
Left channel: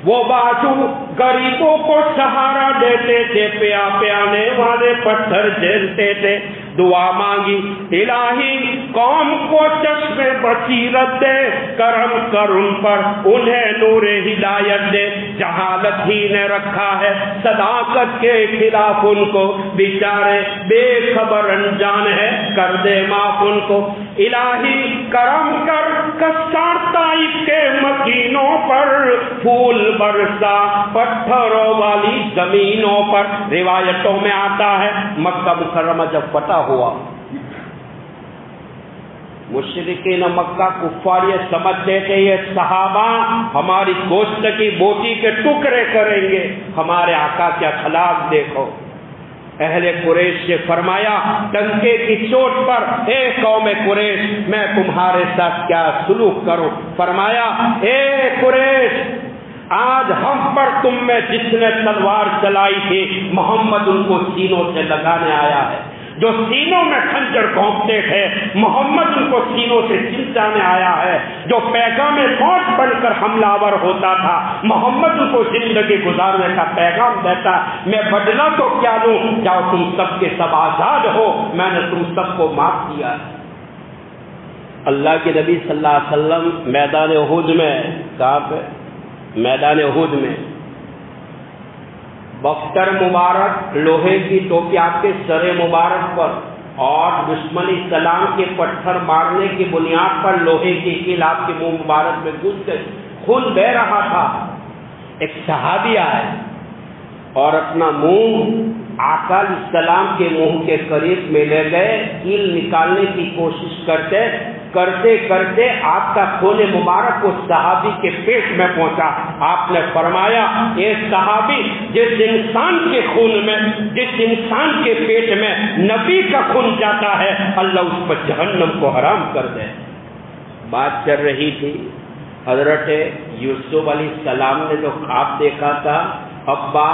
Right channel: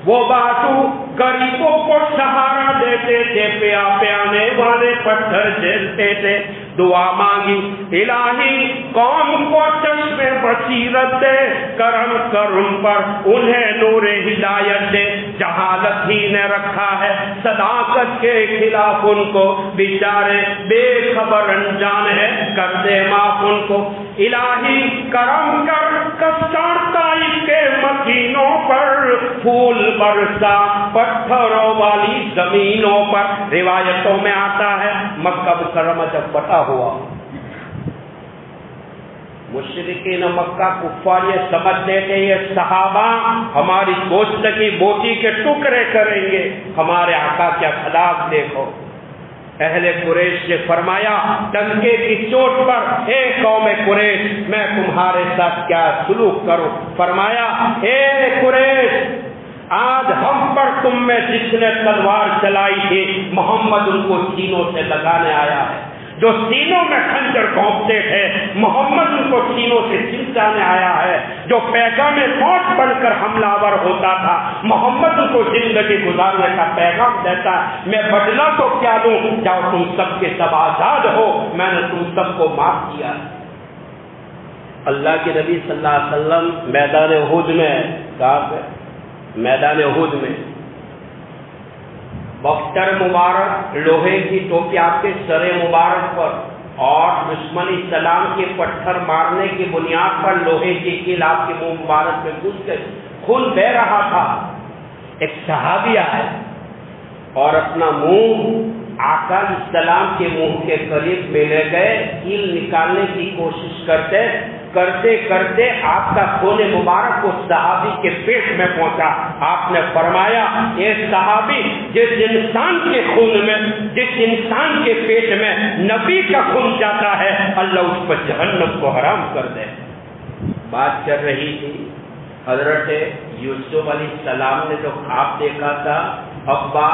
وہ بازو غریبوں کو سہارا دیتے تھے، پیانے والے پتھر جھیلتے تھے، دعا مانگی، الہی قوم کو چشم بصیرت دے، کرم کر ان پر، انہیں نور ہدایت دے، جہالت ہی نے رکھا ہے صداقت کے خلاف ان کو، بیچارے بے خبر انجان ہے، کر دے معاف ان کو، الہی کرم کر کسان طائف کے مکینوں پر، پھول برسا پتھروں والی زمینوں پر۔ روایتوں میں آتا ہے مکہ مکرمہ جب فتح ہوا، مشرکین مکہ کفار یہ سمجھتے تھے یہ صحابہ ہماری گوشت کی بوٹی کے ٹکڑے کریں گے، ہمارے آقا کے اخلاق دیکھو۔ اہل قریش سے فرمایا ڈنکے کی چوٹ پر، اے قوم قریش میں تمہارے ساتھ کیا سلوک کروں؟ فرمایا اے قریش، آج ہم پر تم میں جس نے تلوار چلائی تھی محمد ان کو سینوں سے لگانے آیا ہے، جو سینوں میں خنجر گھونپتے تھے محمد ان کو سینوں سے چمٹانے آیا ہے، جو پیغام موت بن کر حملہ آور ہوتا تھا محمد ان کو زندگی گزارنے کا پیغام دیتا۔ میں بدلہ تو کیا لوں، جاؤ تم سب کے سب آزاد ہو، میں نے تم سب کو معاف کیا۔ اللہ کے نبی صلی اللہ علیہ وسلم میدان احد میں، کہاں پہ؟ میدان احد میں بختر مبارک لوہے کی ٹوپی آپ کے سر مبارک پر، اور دشمنی سلام کے پتھر مارنے کی بنیاد پر لوہے کی کیل آپ کے منہ مبارک میں گھس گئی، خون بہ رہا تھا۔ ایک صحابی آئے اور اپنا منہ آقا علیہ السلام کے منہ کے قریب میں لے گئے، کیل نکالنے کی کوشش کرتے کرتے آپ کا خون مبارک اس صحابی کے پیٹ میں پہنچا۔ آپ نے فرمایا اے صحابی، جس انسان کے خون میں، جس انسان کے پیٹ میں نبی کا خون جاتا ہے اللہ اس پر جہنم کو حرام کر دے۔ بات چل رہی تھی حضرت یوسف علیہ السلام نے جو خواب دیکھا تھا، ابا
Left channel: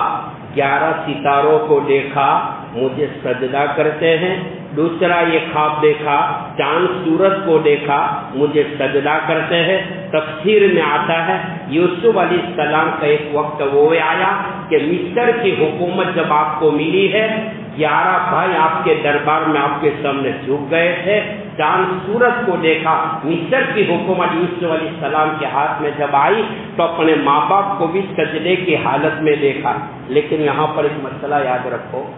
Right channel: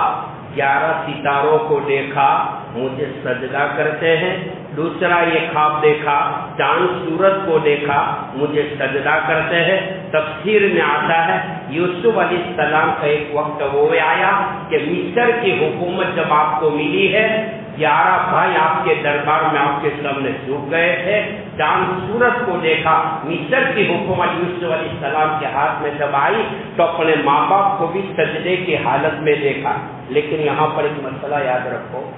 11 ستاروں کو دیکھا مجھے سجدہ کرتے ہیں، دوسرا یہ خواب دیکھا چاند سورج کو دیکھا مجھے سجدہ کرتے ہیں۔ تفسیر میں آتا ہے یوسف علیہ السلام کا ایک وقت وہ آیا کہ مصر کی حکومت جب آپ کو ملی ہے، 11 بھائی آپ کے دربار میں آپ کے سامنے جھک گئے تھے، چاند سورج کو دیکھا، مصر کی حکومت یوسف علیہ السلام کے ہاتھ میں جب آئی تو اپنے ماں باپ کو بھی سجدے کی حالت میں دیکھا۔ لیکن یہاں پر ایک مسئلہ یاد رکھو،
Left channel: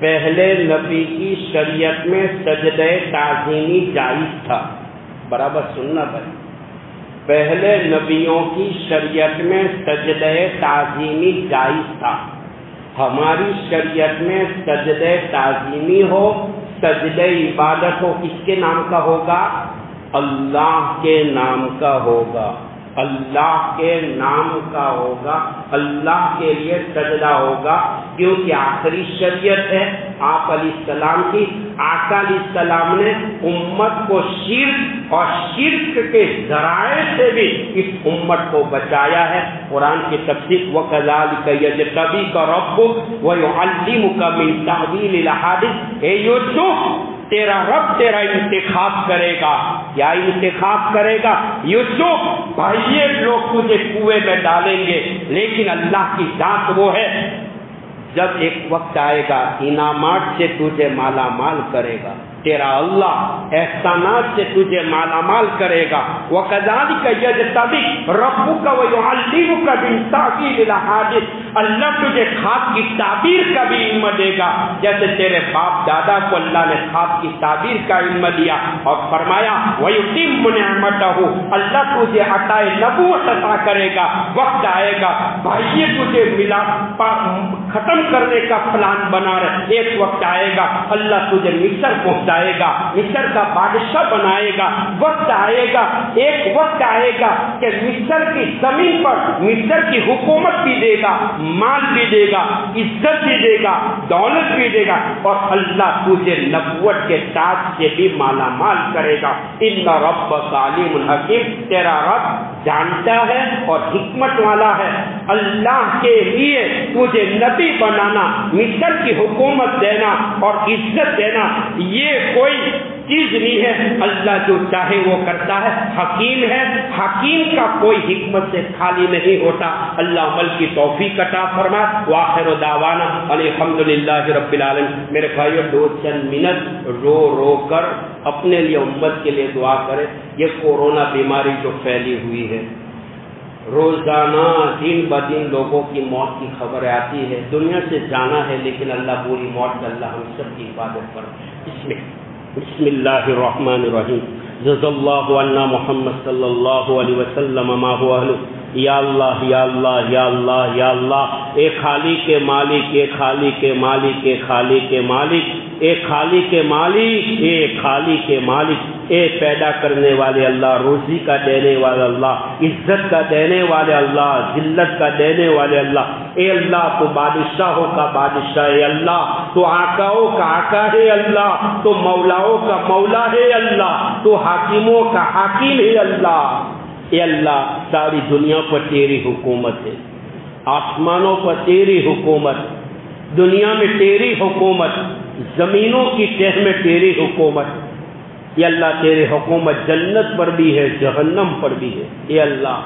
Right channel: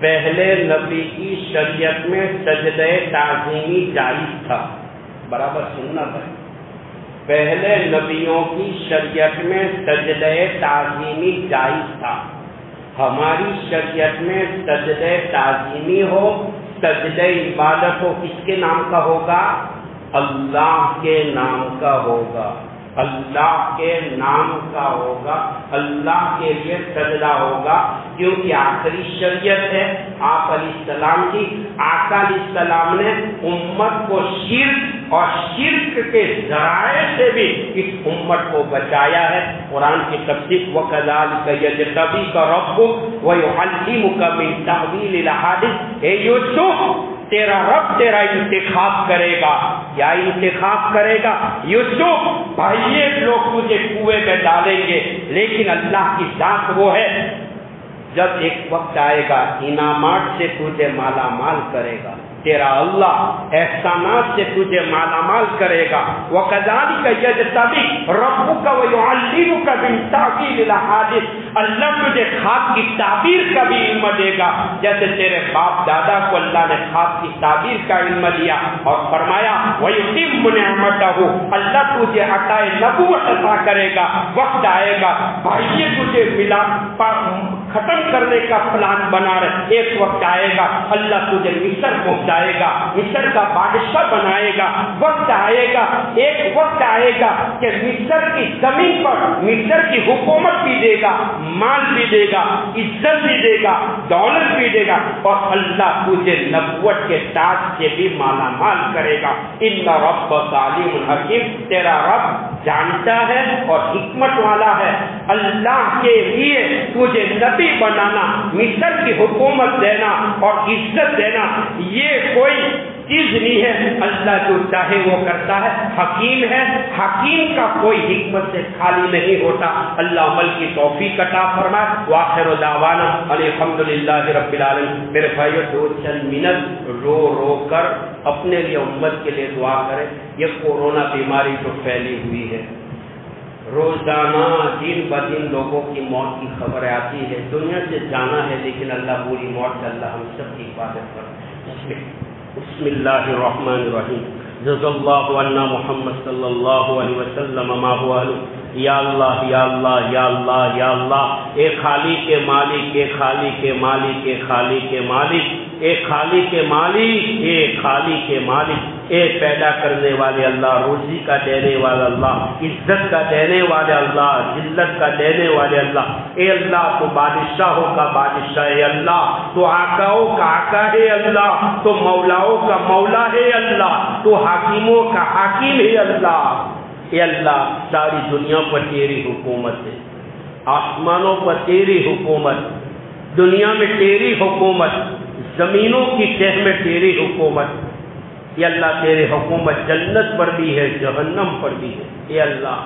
پہلے نبی کی شریعت میں سجدہ تعظیمی جائز تھا، برابر سننا بھائی، پہلے نبیوں کی شریعت میں سجدہ تعظیمی جائز تھا۔ ہماری شریعت میں سجدہ تعظیمی ہو، سجدہ عبادت ہو، کس کے نام کا ہوگا؟ اللہ کے نام کا ہوگا، اللہ کے نام کا ہوگا، اللہ کے لیے سجدہ ہوگا، کیونکہ آخری شریعت ہے آپ علیہ السلام کی۔ آقا علیہ السلام نے امت کو شرک اور شرک کے ذرائع سے بھی اس امت کو بچایا ہے۔ قرآن کی تفسیر وَكَذَلِكَ يَجْتَبِيكَ رَبُّكَ وَيُعَلِّمُكَ مِن تَأْوِيلِ الْأَحَادِيثِ، اے یوسف تیرا رب تیرا انتخاب کرے گا۔ کیا انتخاب کرے گا؟ یوسف بھائی لوگ تجھے کنویں میں ڈالیں گے، لیکن اللہ کی ذات وہ ہے جب ایک وقت آئے گا انعامات سے تجھے مالا مال کرے گا، تیرا اللہ احسانات سے تجھے مالا مال کرے گا۔ وَكَذَلِكَ يَجْتَبِيكَ رَبُّكَ وَيُعَلِّمُكَ مِن تَأْوِيلِ الْأَحَادِيثِ، اللہ تجھے خواب کی تعبیر کا بھی علم دے گا، جیسے تیرے باپ دادا کو اللہ نے خواب کی تعبیر کا علم دیا اور فرمایا وَيُتِمُّ نِعْمَتَهُ، اللہ تجھے عطا نبوت عطا کرے گا۔ وقت آئے گا بھائی تجھے ملا ختم کرنے کا پلان بنا رہے، ایک وقت آئے گا اللہ تجھے مصر پہنچائے گا، مصر کا بادشاہ بنائے گا۔ وقت آئے گا، ایک وقت آئے گا کہ مصر کی زمین پر مصر کی حکومت بھی دے گا، مال بھی دے گا، عزت بھی دے گا، دولت بھی دے گا، اور اللہ تجھے نبوت کے تاج سے بھی مالا مال کرے گا۔ ان ربک علیم حکیم، تیرا رب جانتا ہے اور حکمت والا ہے۔ اللہ کے لیے تجھے نبی بنانا، مصر کی حکومت دینا اور عزت دینا، یہ کوئی چیز نہیں ہے، اللہ جو چاہے وہ کرتا ہے، حکیم ہے، حکیم کا کوئی حکمت سے خالی نہیں ہوتا۔ اللہ عمل کی توفیق عطا فرمائے۔ وآخر دعوانا الحمدللہ رب العالمین۔ میرے بھائیو، دو چند منٹ رو رو کر اپنے لیے، امت کے لیے دعا کریں۔ یہ کورونا بیماری جو پھیلی ہوئی ہے، روزانہ دن بدن لوگوں کی موت کی خبر آتی ہے، دنیا سے جانا ہے، لیکن اللہ بری موت سے اللہ ہم سب کی حفاظت کرے۔ بسم اللہ الرحمن الرحیم۔ جزا اللہ عنا محمد صلی اللہ علیہ وسلم ما هو اہلہ۔ یا اللہ یا اللہ یا اللہ یا اللہ، اے خالق کے مالک، اے خالق کے مالک، اے خالق کے مالک، اے خالق کے مالک، اے خالق کے مالک، اے پیدا کرنے والے اللہ، روزی کا دینے والا اللہ، عزت کا دینے والے اللہ، ذلت کا دینے والے اللہ، اے اللہ تو بادشاہوں کا بادشاہ ہے اللہ، تو آقاؤں کا آقا ہے اللہ، تو مولاؤں کا مولا ہے اللہ، تو حاکموں کا حاکم ہے اللہ۔ اے اللہ، ساری دنیا پر تیری حکومت ہے، آسمانوں پر تیری حکومت، دنیا میں تیری حکومت، زمینوں کی تہ میں تیری حکومت۔ اے اللہ، تیری حکومت جنت پر بھی ہے، جہنم پر بھی ہے۔ اے اللہ،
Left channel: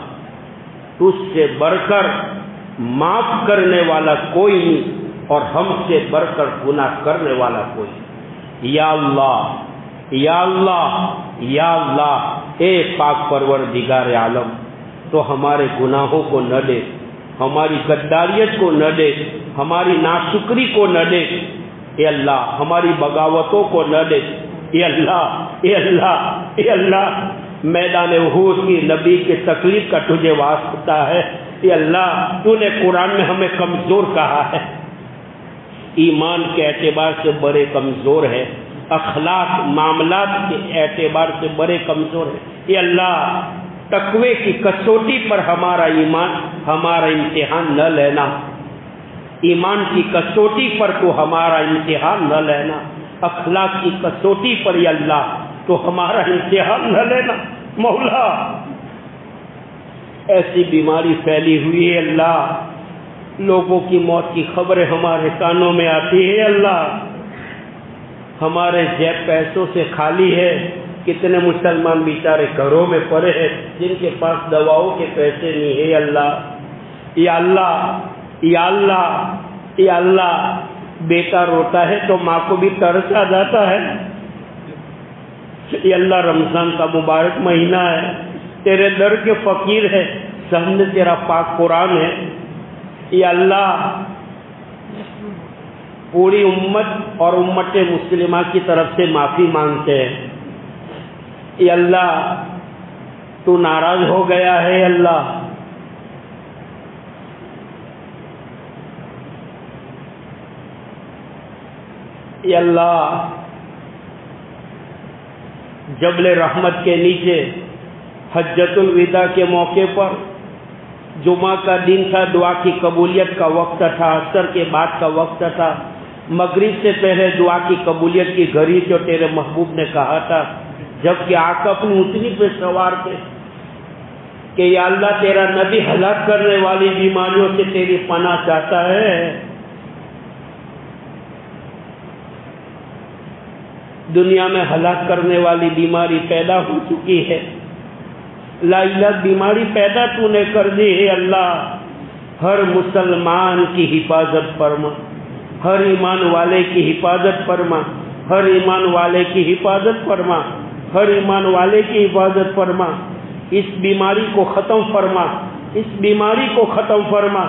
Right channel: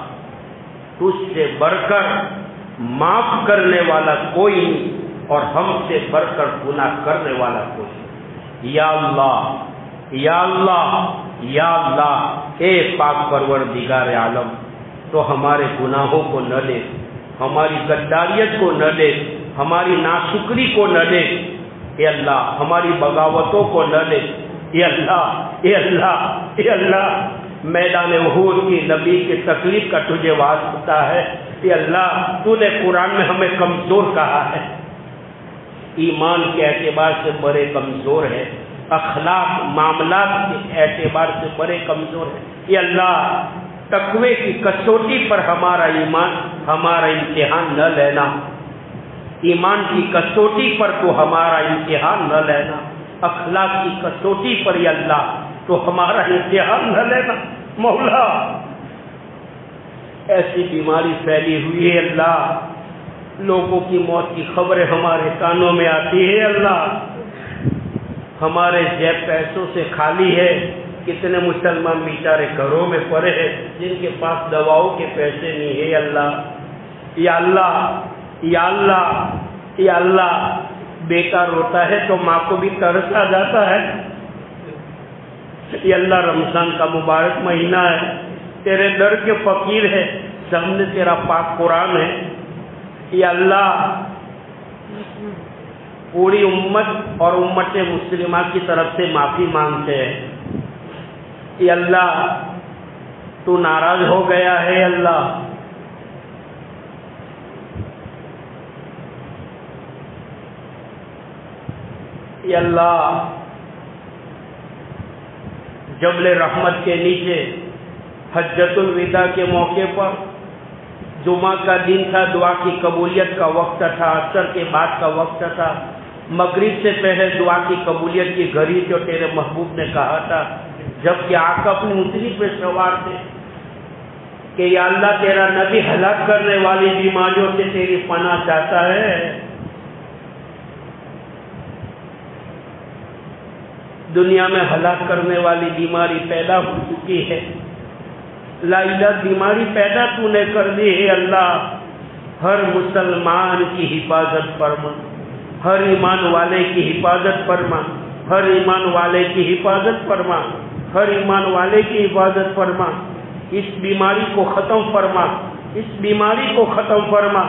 تجھ سے بڑھ کر معاف کرنے والا کوئی نہیں، اور ہم سے بڑھ کر گناہ کرنے والا کوئی نہیں۔ یا اللہ یا اللہ یا اللہ، اے پاک پروردگار عالم، تو ہمارے گناہوں کو نہ دے، ہماری غداریت کو نہ دے، ہماری ناشکری کو نہ دے، اے اللہ ہماری بغاوتوں کو نہ دے۔ اے اللہ اے اللہ اے اللہ، میدان احد کی نبی کی تکلیف کا تجھے واسطہ ہے۔ اے اللہ، تو نے قرآن میں ہمیں کمزور کہا ہے، ایمان کے اعتبار سے بڑے کمزور ہے، اخلاق معاملات کے اعتبار سے بڑے کمزور ہیں۔ اے اللہ، تقوی کی کسوٹی پر ہمارا ایمان، ہمارا امتحان نہ لینا، ایمان کی کسوٹی پر تو ہمارا امتحان نہ لینا، اخلاق کی کسوٹی پر یا اللہ تو ہمارا امتحان نہ لینا۔ مولا، ایسی بیماری پھیلی ہوئی ہے اللہ، لوگوں کی موت کی خبریں ہمارے کانوں میں آتی ہے اللہ، ہمارے جیب پیسوں سے خالی ہے، کتنے مسلمان بیچارے گھروں میں پڑے ہیں جن کے پاس دواؤں کے پیسے نہیں ہے اللہ۔ یا اللہ یا اللہ یا اللہ، بیٹا روتا ہے تو ماں کو بھی ترس آ جاتا ہے۔ یا اللہ، رمضان کا مبارک مہینہ ہے، تیرے در کے فقیر ہے، سامنے تیرا پاک قرآن ہے۔ یا اللہ، پوری امت اور امت مسلمہ کی طرف سے معافی مانگتے ہیں۔ اے اللہ، تو ناراض ہو گیا ہے اللہ، اے اللہ، جبل رحمت کے نیچے حجۃ الوداع کے موقع پر جمعہ کا دن تھا، دعا کی قبولیت کا وقت تھا، عصر کے بعد کا وقت تھا، مغرب سے پہلے دعا کی قبولیت کی گھڑی جو تیرے محبوب نے کہا تھا، جبکہ آقا اپنی اونٹنی پہ سوار تھے کہ یا اللہ، تیرا نبی ہلاک کرنے والی بیماریوں سے تیری پناہ چاہتا ہے۔ دنیا میں ہلاک کرنے والی بیماری پیدا ہو چکی ہے، لا علت بیماری پیدا تو نے کر دی ہے اللہ، ہر مسلمان کی حفاظت فرما، ہر ایمان والے کی حفاظت فرما، ہر ایمان والے کی حفاظت فرما، ہر ایمان والے کی حفاظت فرما، اس بیماری کو ختم فرما، اس بیماری کو ختم فرما۔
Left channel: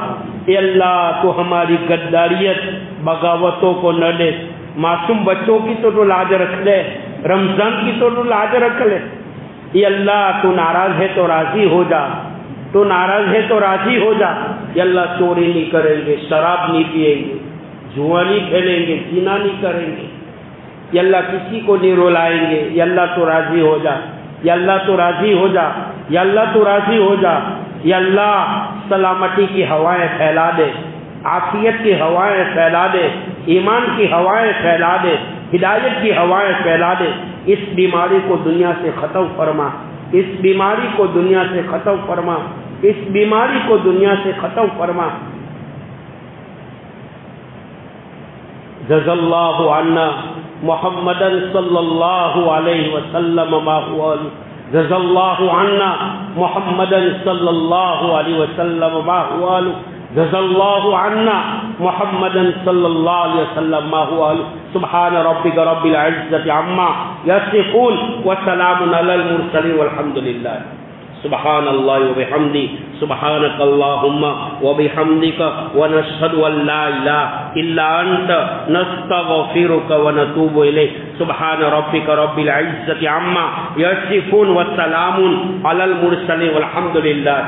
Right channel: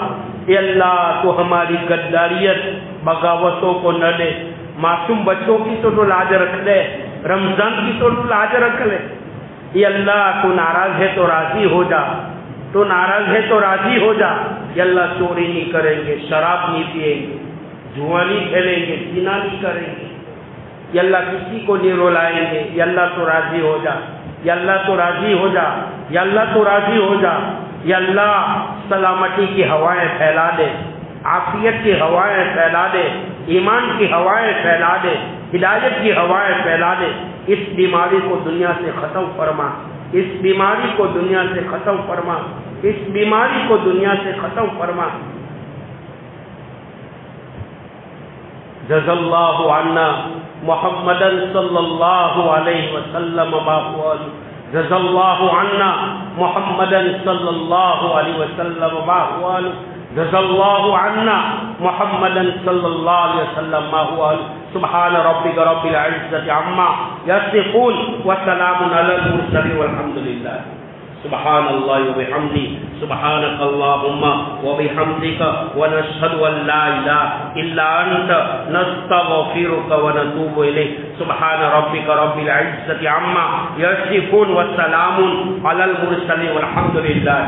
اے اللہ، تو ہماری غداریت بغاوتوں کو نہ دے، معصوم بچوں کی تو لاج رکھ لے، رمضان کی تو لاج رکھ لے۔ اے اللہ، تو ناراض ہے تو راضی ہو جا، تو ناراض ہے تو راضی ہو جا۔ اے اللہ، چوری نہیں کریں گے، شراب نہیں پیئیں گے، جوا نہیں کھیلیں گے، زنا نہیں کریں گے، یا اللہ کسی کو نہیں رلائیں گے۔ یا اللہ، تو راضی ہو جا، یا اللہ تو راضی ہو جا، یا اللہ تو راضی ہو جا۔ یا اللہ، سلامتی کی ہوائیں پھیلا دے، عافیت کی ہوائیں پھیلا دے، ایمان کی ہوائیں پھیلا دے، ہدایت کی ہوائیں پھیلا دے۔ اس بیماری کو دنیا سے ختم فرما، اس بیماری کو دنیا سے ختم فرما، اس بیماری کو دنیا سے ختم فرما۔ جزا اللہ عنا محمدا صلی اللہ علیہ وسلم ما هو جزا اللہ عنا محمدا صلی اللہ علیہ وسلم ما هو جزا اللہ عنا محمدا صلی اللہ علیہ وسلم ما هو سبحان ربک رب العزة عما یصفون وسلام علی المرسلین والحمد للہ. سبحان اللہ وبحمدہ سبحانک اللہم وبحمدک ونشہد ان لا الہ الا انت نستغفرک ونتوب الیک. سبحان ربک رب العزة عما یصفون وسلام علی المرسلین والحمد للہ.